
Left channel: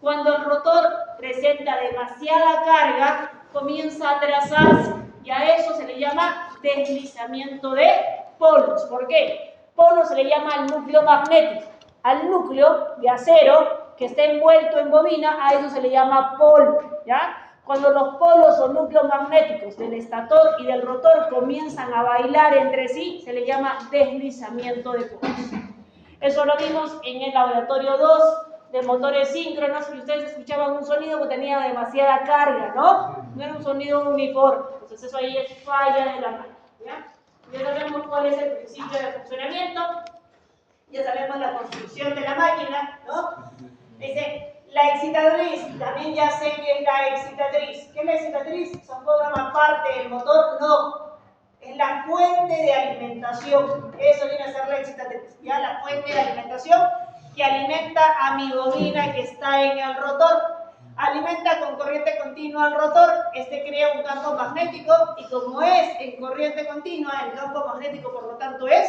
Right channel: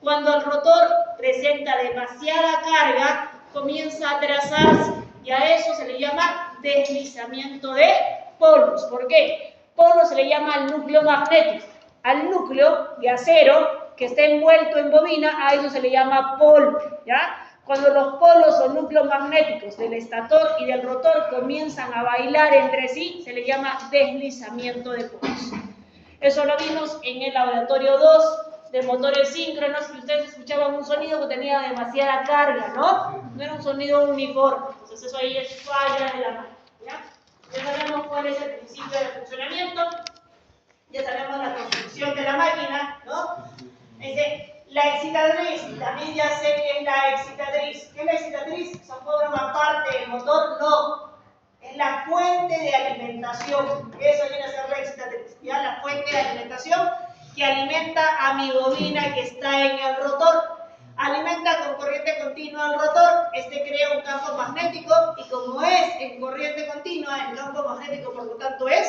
Cuando el rotor presenta demasiada carga, comienza a atrasarse y a eso se le llama deslizamiento de polos. ¿Por qué? Polo se le llama al núcleo magnético. Al núcleo de acero que está envuelto en bobina, a eso se le llama polo, ¿ya? Cuando los polos o núcleos magnéticos del estator y del rotor comienzan a bailar entre sí, se le llama deslizamiento de polos. Eso lo vimos en el laboratorio 2 de motores síncronos, y ustedes escuchaban un sonido que tenía demasiada carga, ¿no? No era un sonido uniforme. Entonces eso ahí es falla de la máquina, ¿ya? Ya sabemos cuál es el principio de funcionamiento, ya sabemos la construcción de la máquina, ¿no? Dice, la excitatriz, también ya sé que es la excitatriz. ¿Qué es la excitatriz? ¿Son forma parte del motor? No. Es la fuente de alimentación. Eso viene a ser la excitatriz. Ya la fuente de alimentación que alimenta a mi bobina que está en el rotor. Alimenta con corriente continua al rotor. Este crea un campo magnético y como es en corriente continua, el campo magnético por lo tanto es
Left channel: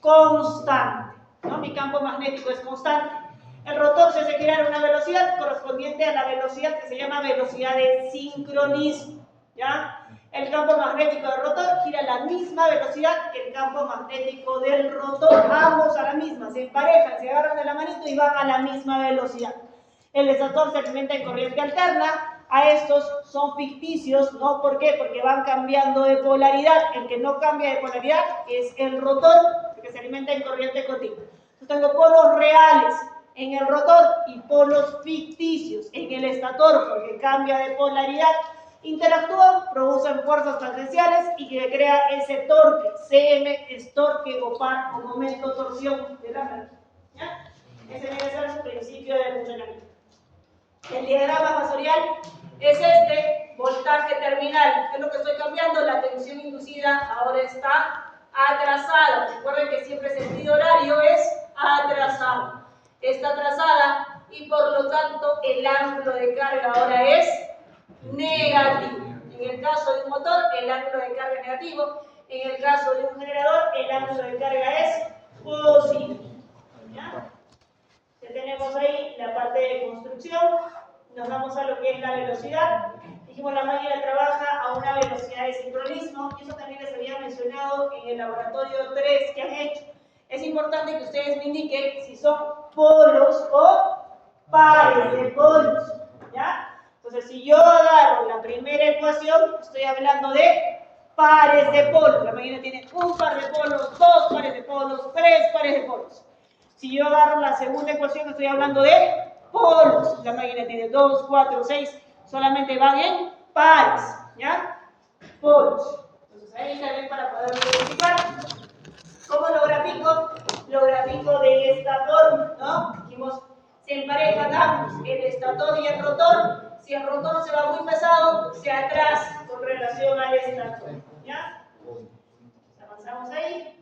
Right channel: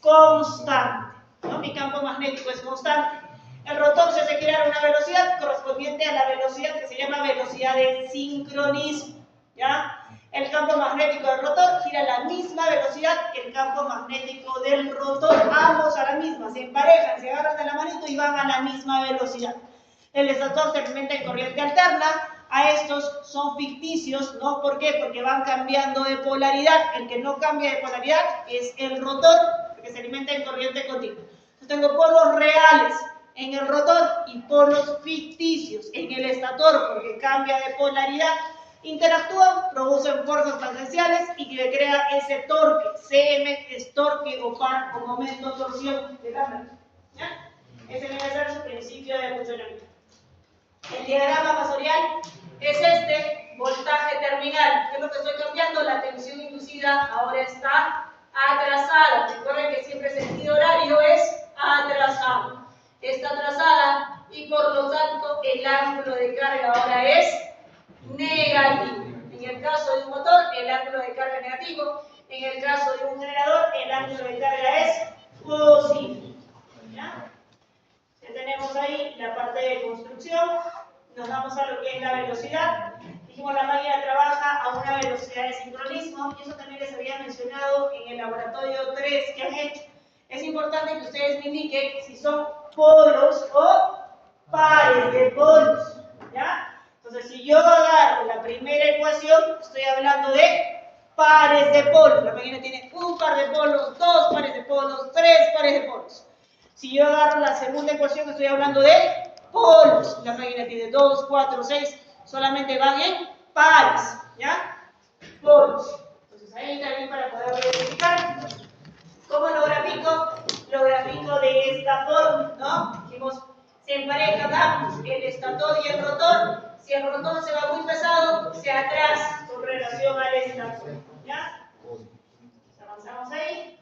constante, ¿no? Mi campo magnético es constante. El rotor se hace girar a una velocidad correspondiente a la velocidad que se llama velocidad de sincronismo, ¿ya? El campo magnético del rotor gira a la misma velocidad que el campo magnético del rotor. Ambos a la misma, se emparejan, se agarran de la manito y van a la misma velocidad. El estator se alimenta en corriente alterna. A estos son ficticios, ¿no? ¿Por qué? Porque van cambiando de polaridad. El que no cambia de polaridad es el rotor, porque se alimenta en corriente continua. Yo tengo polos reales en el rotor y polos ficticios en el estator, porque cambia de polaridad. Interactúan, producen fuerzas tangenciales y que crea ese torque. CM es torque o par o momento torsión de la red. ¿Ya? Ese viene a ser su principio de funcionamiento. El diagrama masorial es este, voltaje terminal. ¿Qué es lo que estoy cambiando? La tensión inducida ahora está atrasada. Recuerden que siempre el sentido horario es atrasado. Está atrasada y por lo tanto el ángulo de carga ahora es negativo. En el caso de un motor, el ángulo de carga es negativo. En el caso de un generador, el ángulo de carga es positivo. ¿Ya? Ya tenemos ahí la parte de construcción. Nos vamos a lo que es la velocidad. Dijimos la máquina trabaja a una velocidad de sincronismo y eso también les había mencionado en el laboratorio 3 que han hecho. Es importante que ustedes me indiquen si son polos o pares de polos. ¿Ya? Entonces, si yo agarro la primera ecuación, estoy hablando de pares de polos. La máquina tiene un par de polos, dos pares de polos, tres pares de polos. Si yo agarro la segunda ecuación, estoy hablando de polos. La máquina tiene 2, 4, 6, solamente van en pares, ¿ya? Polos. Entonces ahí está bien para poder verificar. ¿Cómo lo grafico? Lo grafico de esta forma, ¿no? Dijimos, se emparejan ambos, el estator y el rotor. Si el rotor se va muy pesado, se atrasa con relación al estator, ¿ya? Avanzamos ahí.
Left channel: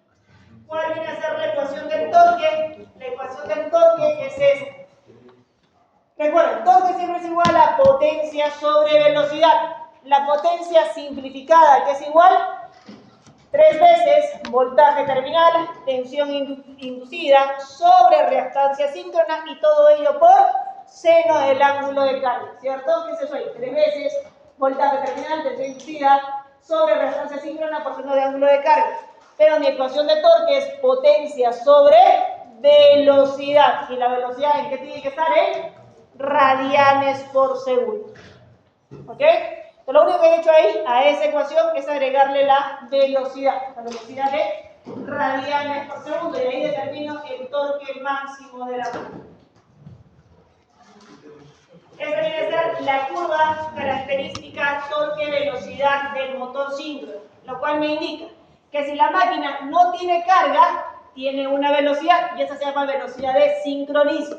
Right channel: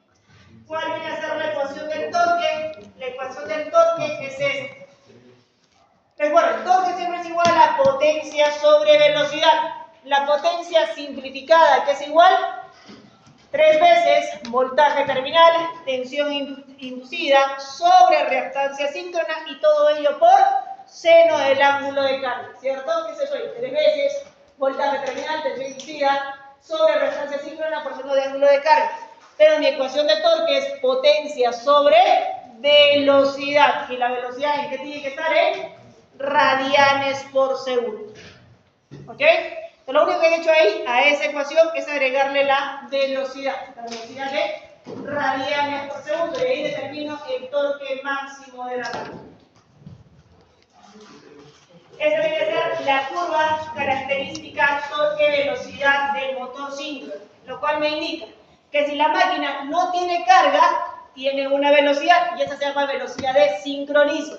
¿Cuál viene a ser la ecuación del torque? La ecuación del torque es esta. Recuerden, el torque siempre es igual a potencia sobre velocidad. La potencia simplificada, que es igual 3 veces voltaje terminal, tensión inducida sobre reactancia síncrona y todo ello por seno del ángulo de carga, ¿cierto? ¿Qué es eso ahí? 3 veces voltaje terminal, tensión inducida sobre reactancia síncrona por seno de ángulo de carga. Pero mi ecuación de torque es potencia sobre velocidad. ¿Y la velocidad en qué tiene que estar? En radianes por segundo. ¿Ok? Entonces, lo único que he hecho ahí a esa ecuación es agregarle la velocidad. La velocidad de radianes por segundo. Y ahí determino el torque máximo de la máquina. Esa debe ser la curva característica torque-velocidad del motor síncrono. Lo cual me indica que si la máquina no tiene carga, tiene una velocidad y esa se llama velocidad de sincronismo.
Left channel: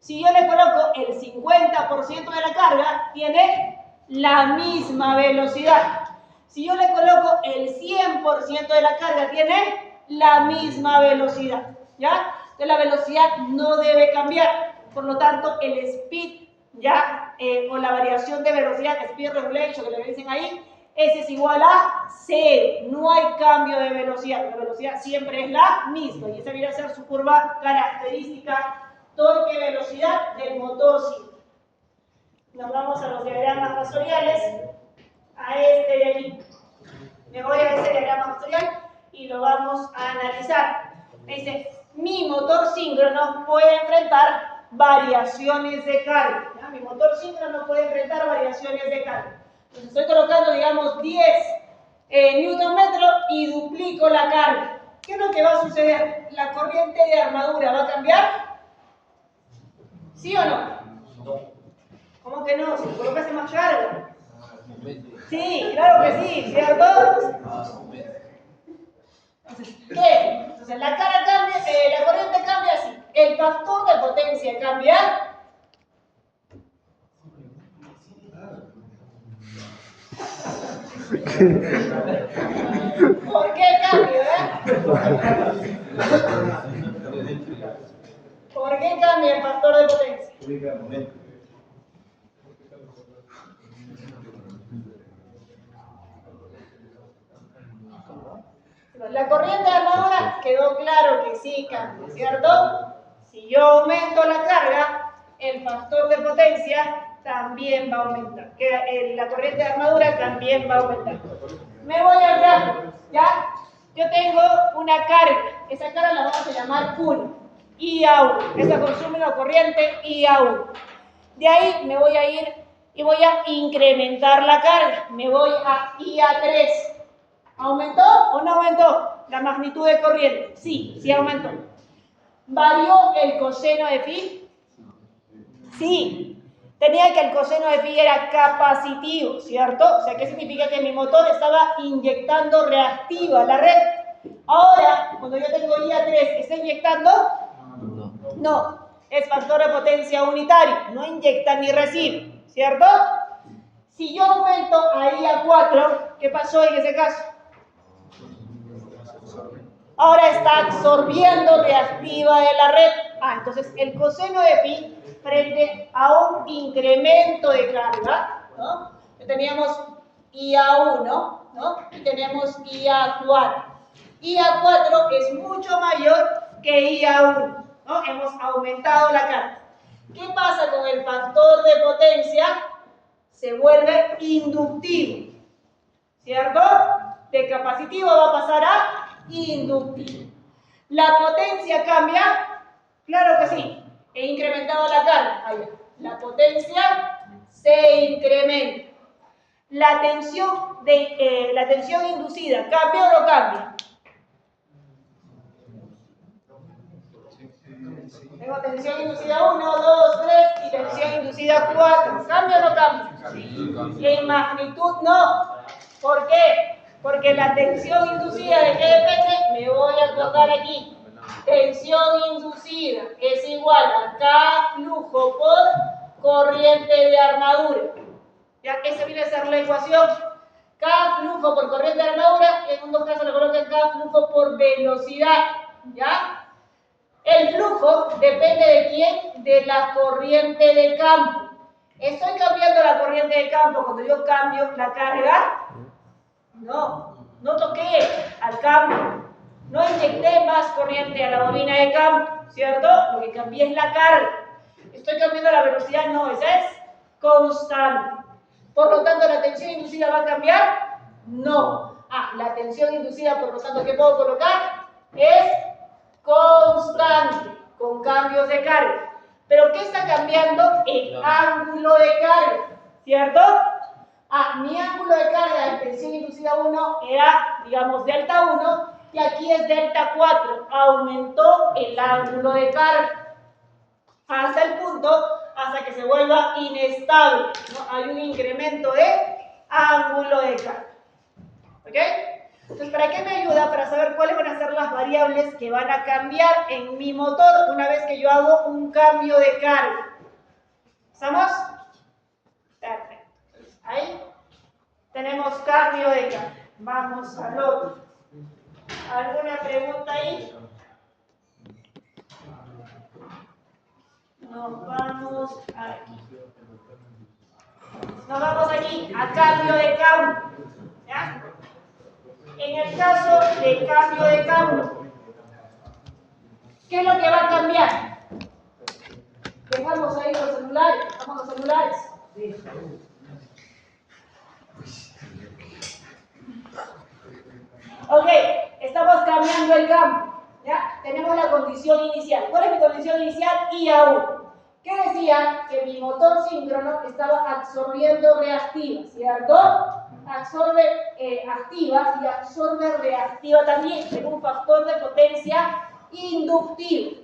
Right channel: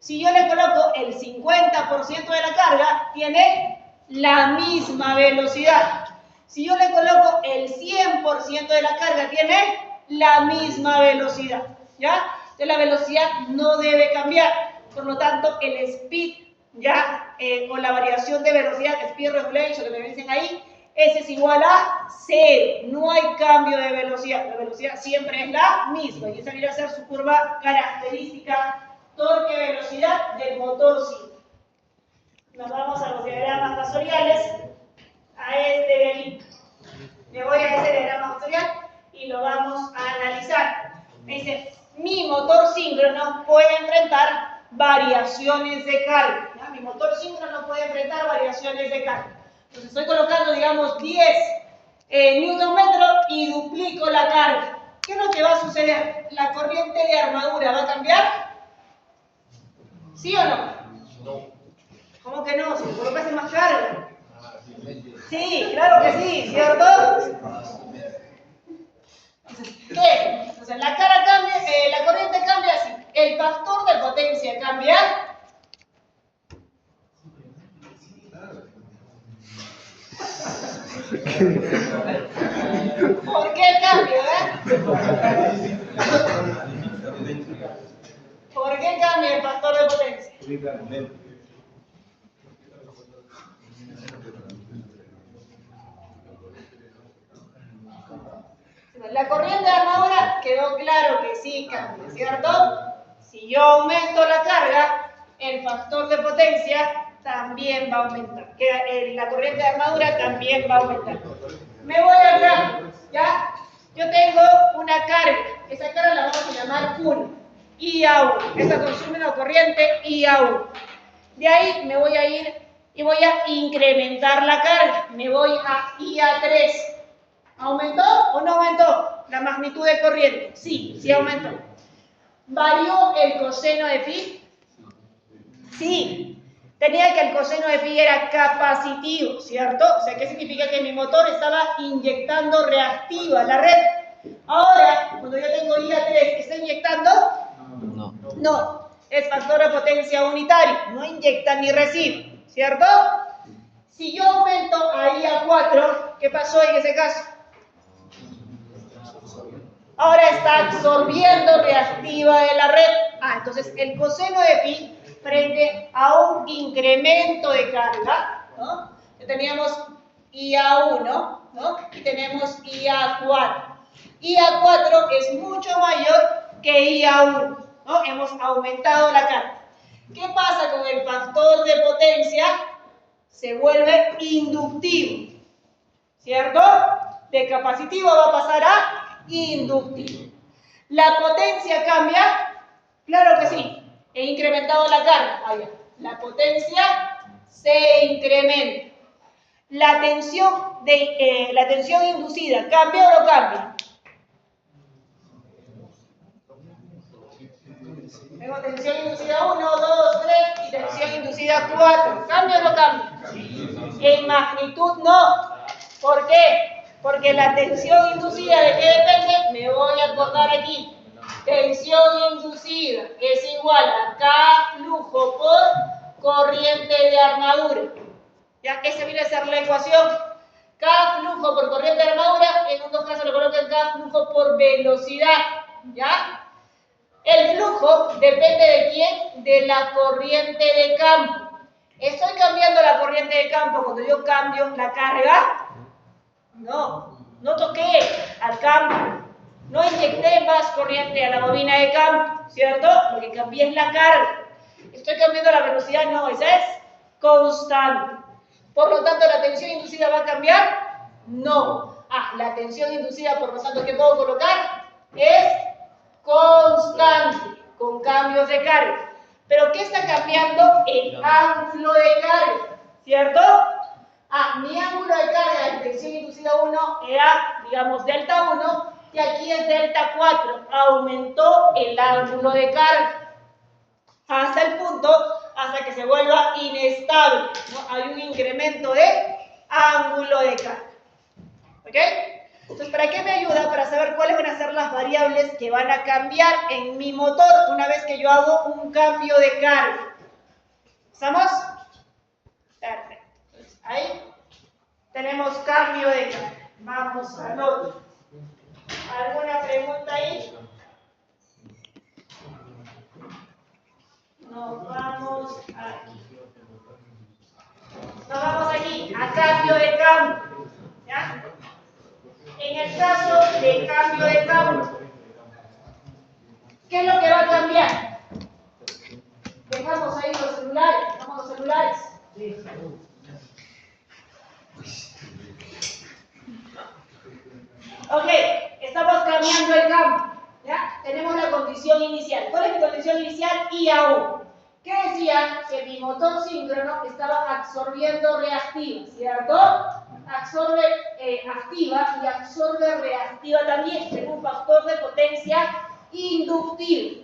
Si yo le coloco el 50% de la carga, tiene la misma velocidad. Si yo le coloco el 100% de la carga, tiene la misma velocidad. ¿Ya? Entonces la velocidad no debe cambiar. Por lo tanto, el speed, ¿ya? O la variación de velocidad, speed regulation, que le dicen ahí, ese es igual a 0. No hay cambio de velocidad. La velocidad siempre es la misma. Y esa viene a ser su curva característica torque-velocidad del motor síncrono. Nos vamos a los diagramas masoriales, a este de aquí. Me voy a ese diagrama masorial y lo vamos a analizar. Me dice, mi motor síncrono puede enfrentar variaciones de carga. ¿Ya? Mi motor síncrono puede enfrentar variaciones de carga. Entonces estoy colocando, digamos, 10 Nm y duplico la carga. ¿Qué es lo que va a suceder? ¿La corriente de armadura va a cambiar? ¿Sí o no? No. ¿Cómo que no? Si le colocas más carga. Sí, claro que sí, ¿cierto? ¿Qué? Entonces la carga cambia, la corriente cambia así. El factor de potencia cambia. ¿Por qué cambia? ¿Por qué cambia el factor de potencia? La corriente de armadura quedó claro que sí cambia, ¿cierto? Si yo aumento la carga, el factor de potencia también va a aumentar. Que la corriente de armadura también va a aumentar. Me voy al gráfico, ¿ya? Yo tengo una carga. Esa carga la vamos a llamar 1. IA1. Esa consume una corriente IA1. De ahí me voy a ir y voy a incrementar la carga. Me voy a IA3. ¿Aumentó o no aumentó la magnitud de corriente? Sí, sí aumentó. ¿Varió el coseno de phi? Sí. Tenía que el coseno de phi era capacitivo, ¿cierto? O sea, ¿qué significa? Que mi motor estaba inyectando reactiva a la red. Ahora, cuando yo tengo IA3, ¿está inyectando? No. No. Es factor de potencia unitario. No inyecta ni recibe, ¿cierto? Si yo aumento a IA4, ¿qué pasó en ese caso? Ahora está absorbiendo reactiva de la red. Entonces el coseno de phi frente a un incremento de carga, ¿no? Teníamos IA1, ¿no? Y tenemos IA4. IA4 es mucho mayor que IA1, ¿no? Hemos aumentado la carga. ¿Qué pasa con el factor de potencia? Se vuelve inductivo, ¿cierto? De capacitivo va a pasar a inductivo. ¿La potencia cambia? Claro que sí. He incrementado la carga. La potencia se incrementa. La tensión inducida, ¿cambia o no cambia? Tengo tensión inducida 1, 2, 3 y tensión inducida 4. ¿Cambia o no cambia? En magnitud no. ¿Por qué? Porque la tensión inducida, ¿de qué depende? Me voy a acordar aquí. Tensión inducida es igual a K flujo por corriente de armadura. ¿Ya? Esa viene a ser la ecuación. K flujo por corriente de armadura, en dos casos le colocan K flujo por velocidad. ¿Ya? El flujo depende de quién? De la corriente de campo. ¿Estoy cambiando la corriente de campo cuando yo cambio la carga? No, no toqué al campo. No inyecté más corriente a la bobina de campo, ¿cierto? Lo que cambié es la carga. ¿Estoy cambiando la velocidad? No, esa es constante. Por lo tanto, ¿la tensión inducida va a cambiar? No. La tensión inducida, por lo tanto, ¿qué puedo colocar? Es constante, con cambios de carga. ¿Pero qué está cambiando? El ángulo de carga, ¿cierto? Mi ángulo de carga en tensión inducida 1 era, digamos, delta 1, y aquí es delta 4. Aumentó el ángulo de carga hasta el punto, hasta que se vuelva inestable, ¿no? Hay un incremento de ángulo de carga. ¿Ok? Entonces, ¿para qué me ayuda? Para saber cuáles van a ser las variables que van a cambiar en mi motor una vez que yo hago un cambio de carga. ¿Estamos? Perfecto. Entonces, ahí tenemos cambio de carga. Vamos al otro. ¿Alguna pregunta ahí? Nos vamos aquí. Nos vamos aquí a cambio de campo. ¿Ya? En el caso de cambio de campo, ¿qué es lo que va a cambiar? Dejamos ahí los celulares. Dejamos los celulares. Ok, estamos cambiando el campo. ¿Ya? Tenemos la condición inicial. ¿Cuál es mi condición inicial? IA1. ¿Qué decía? Que mi motor síncrono estaba absorbiendo reactiva, ¿cierto? Absorbe activa y absorbe reactiva también. Tengo un factor de potencia inductivo.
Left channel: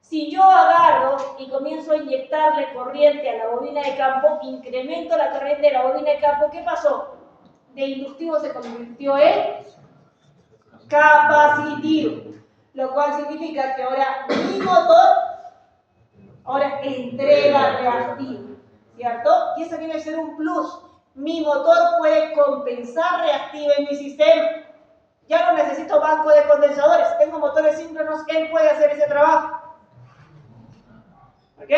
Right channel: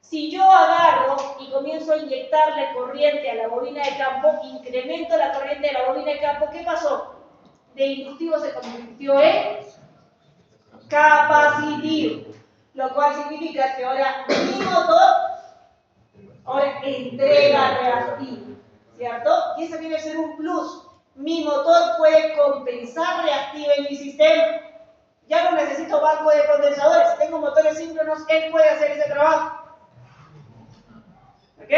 Si yo agarro y comienzo a inyectarle corriente a la bobina de campo, incremento la corriente de la bobina de campo, ¿qué pasó? De inductivo se convirtió en capacitivo, lo cual significa que ahora mi motor entrega reactivo, ¿cierto? Y eso viene a ser un plus. Mi motor puede compensar reactiva en mi sistema. Ya no necesito banco de condensadores. Si tengo motores síncronos, él puede hacer ese trabajo. ¿Ok?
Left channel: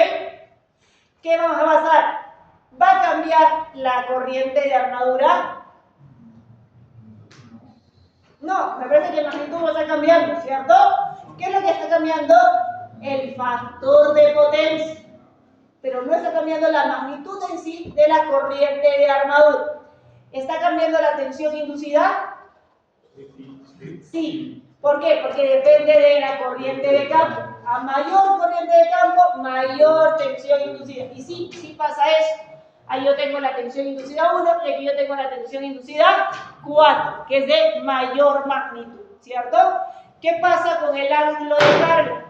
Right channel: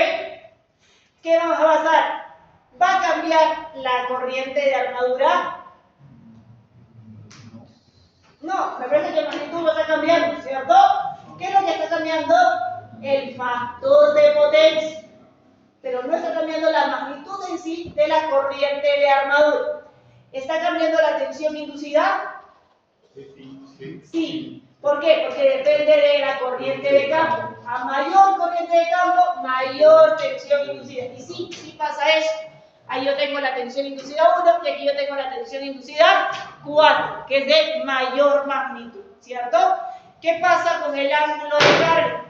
¿Qué vamos a pasar? ¿Va a cambiar la corriente de armadura? No, me parece que la magnitud no está cambiando, ¿cierto? ¿Qué es lo que está cambiando? El factor de potencia. pero no está cambiando la magnitud en sí de la corriente de armadura. ¿Está cambiando la tensión inducida? Sí. ¿Por qué? Porque depende de la corriente de campo. A mayor corriente de campo, mayor tensión inducida. Y sí, sí pasa eso. Ahí yo tengo la tensión inducida 1 y aquí yo tengo la tensión inducida 4, que es de mayor magnitud, ¿cierto? ¿Qué pasa con el ángulo de carga?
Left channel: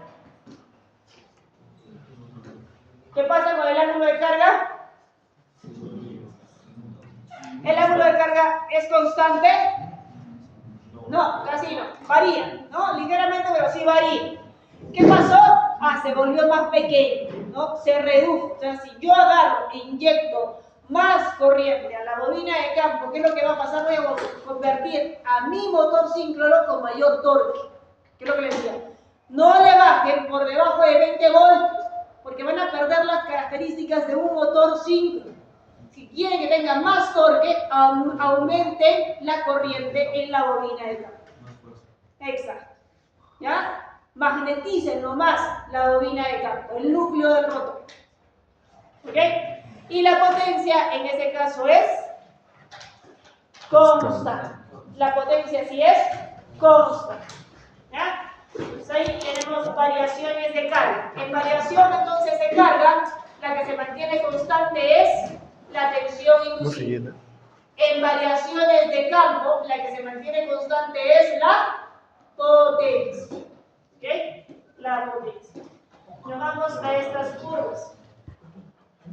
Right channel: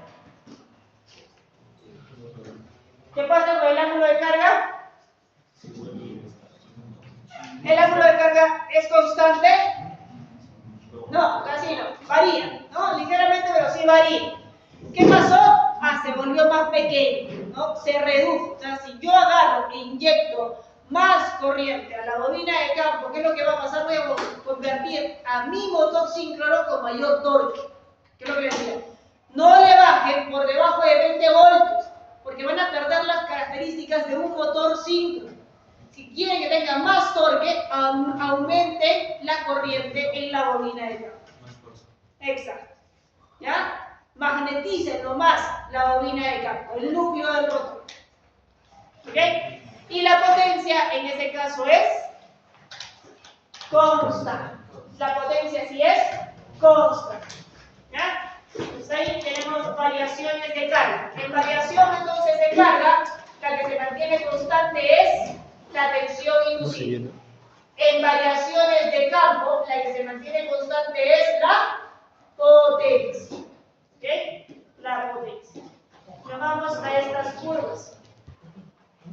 ¿Qué pasa con el ángulo de carga? ¿El ángulo de carga es constante? No, casi no. Varía, ¿no? Ligeramente, pero sí varía. ¿Qué pasó? Se volvió más pequeño, ¿no? Se redujo. O sea, si yo agarro e inyecto más corriente a la bobina de campo, ¿qué es lo que va a pasar? Voy a convertir a mi motor síncrono con mayor torque. ¿Qué es lo que les decía? No le bajen por debajo de 20 voltios, porque van a perder las características de un motor síncrono. Si quieren que tenga más torque, aumenten la corriente en la bobina de campo. Exacto. ¿Ya? Magneticen nomás la bobina de campo, el núcleo del rotor. ¿Ok? Y la potencia en ese caso es constante. La potencia sí es constante. ¿Ya? Pues ahí tenemos variaciones de carga. En variación entonces de carga, la que se mantiene constante es la tensión inducida. En variaciones de campo, la que se mantiene constante es la potencia. ¿Ok? La potencia. Nos vamos a estas curvas.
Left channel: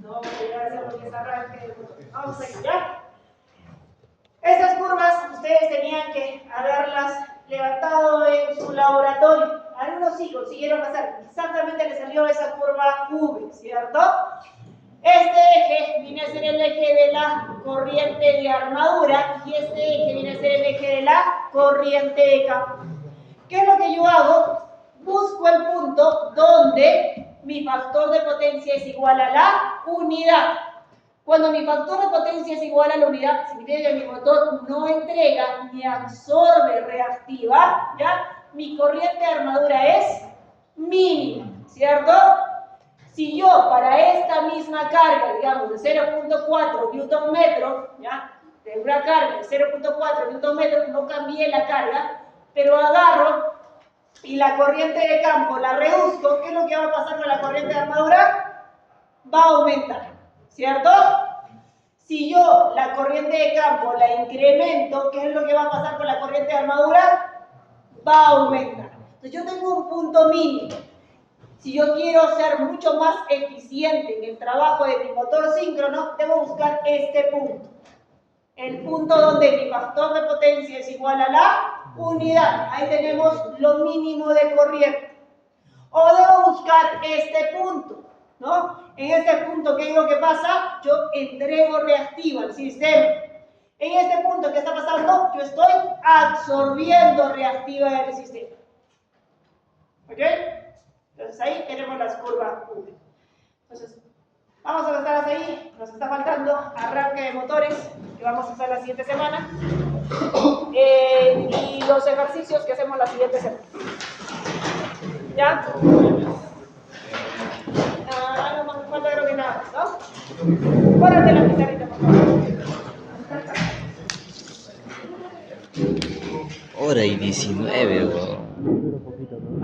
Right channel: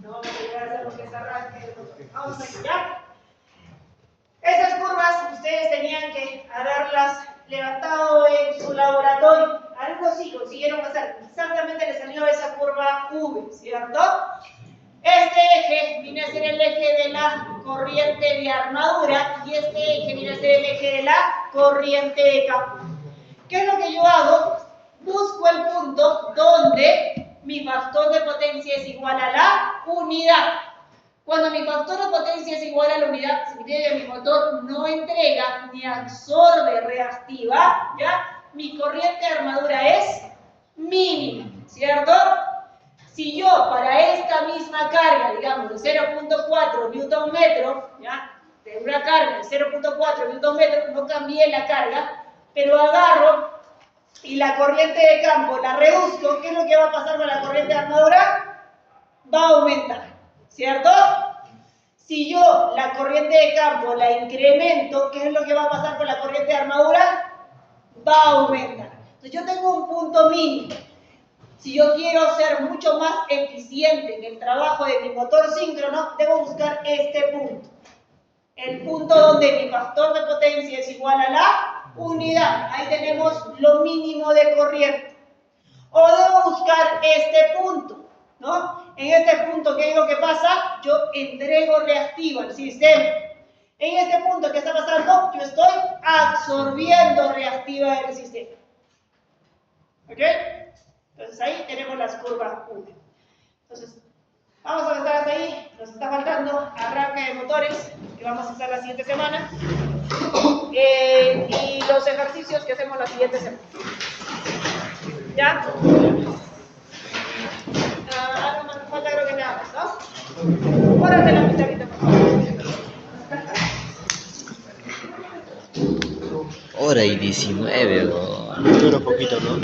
No vamos a llegar a hacer lo que es arranque. Vamos a ir ya. Estas curvas ustedes tenían que haberlas levantado en su laboratorio. Algunos sí consiguieron pasar. Exactamente les salió esa curva V, ¿cierto? Este eje viene a ser el eje de la corriente de armadura y este eje viene a ser el eje de la corriente de campo. ¿Qué es lo que yo hago? Busco el punto donde mi factor de potencia es igual a la unidad. Cuando mi factor de potencia es igual a la unidad, significa que mi motor no entrega ni absorbe reactiva, ¿ya? Mi corriente de armadura es mínima, ¿cierto? Si yo para esta misma carga, digamos de 0.4 Nm, ¿ya? De una carga de 0.4 Nm, no cambié la carga, pero agarro y la corriente de campo la reduzco, ¿qué es lo que va a pasar con la corriente de armadura? Va a aumentar, ¿cierto? Si yo la corriente de campo la incremento, ¿qué es lo que va a pasar con la corriente de armadura? Va a aumentar. Entonces yo tengo un punto mínimo. Si yo quiero ser mucho más eficiente en el trabajo de mi motor síncrono, debo buscar este punto. El punto donde mi factor de potencia es igual a la unidad. Ahí tenemos lo mínimo de corriente. O debo buscar este punto, ¿no? En este punto, ¿qué digo que pasa? Yo entrego reactivo al sistema. En este punto, ¿qué está pasando? Yo estoy absorbiendo reactiva del sistema. ¿Ok? Entonces ahí tenemos las curvas V. Entonces, vamos a estar hasta ahí. Nos está faltando arranque de motores, que vamos a hacer la siguiente semana. Y los ejercicios que hacemos la siguiente semana. ¿Ya? No me falta creo que nada más, ¿no? Párate la pizarrita, por favor. Hora y 19, weón. Dura poquito, ¿no?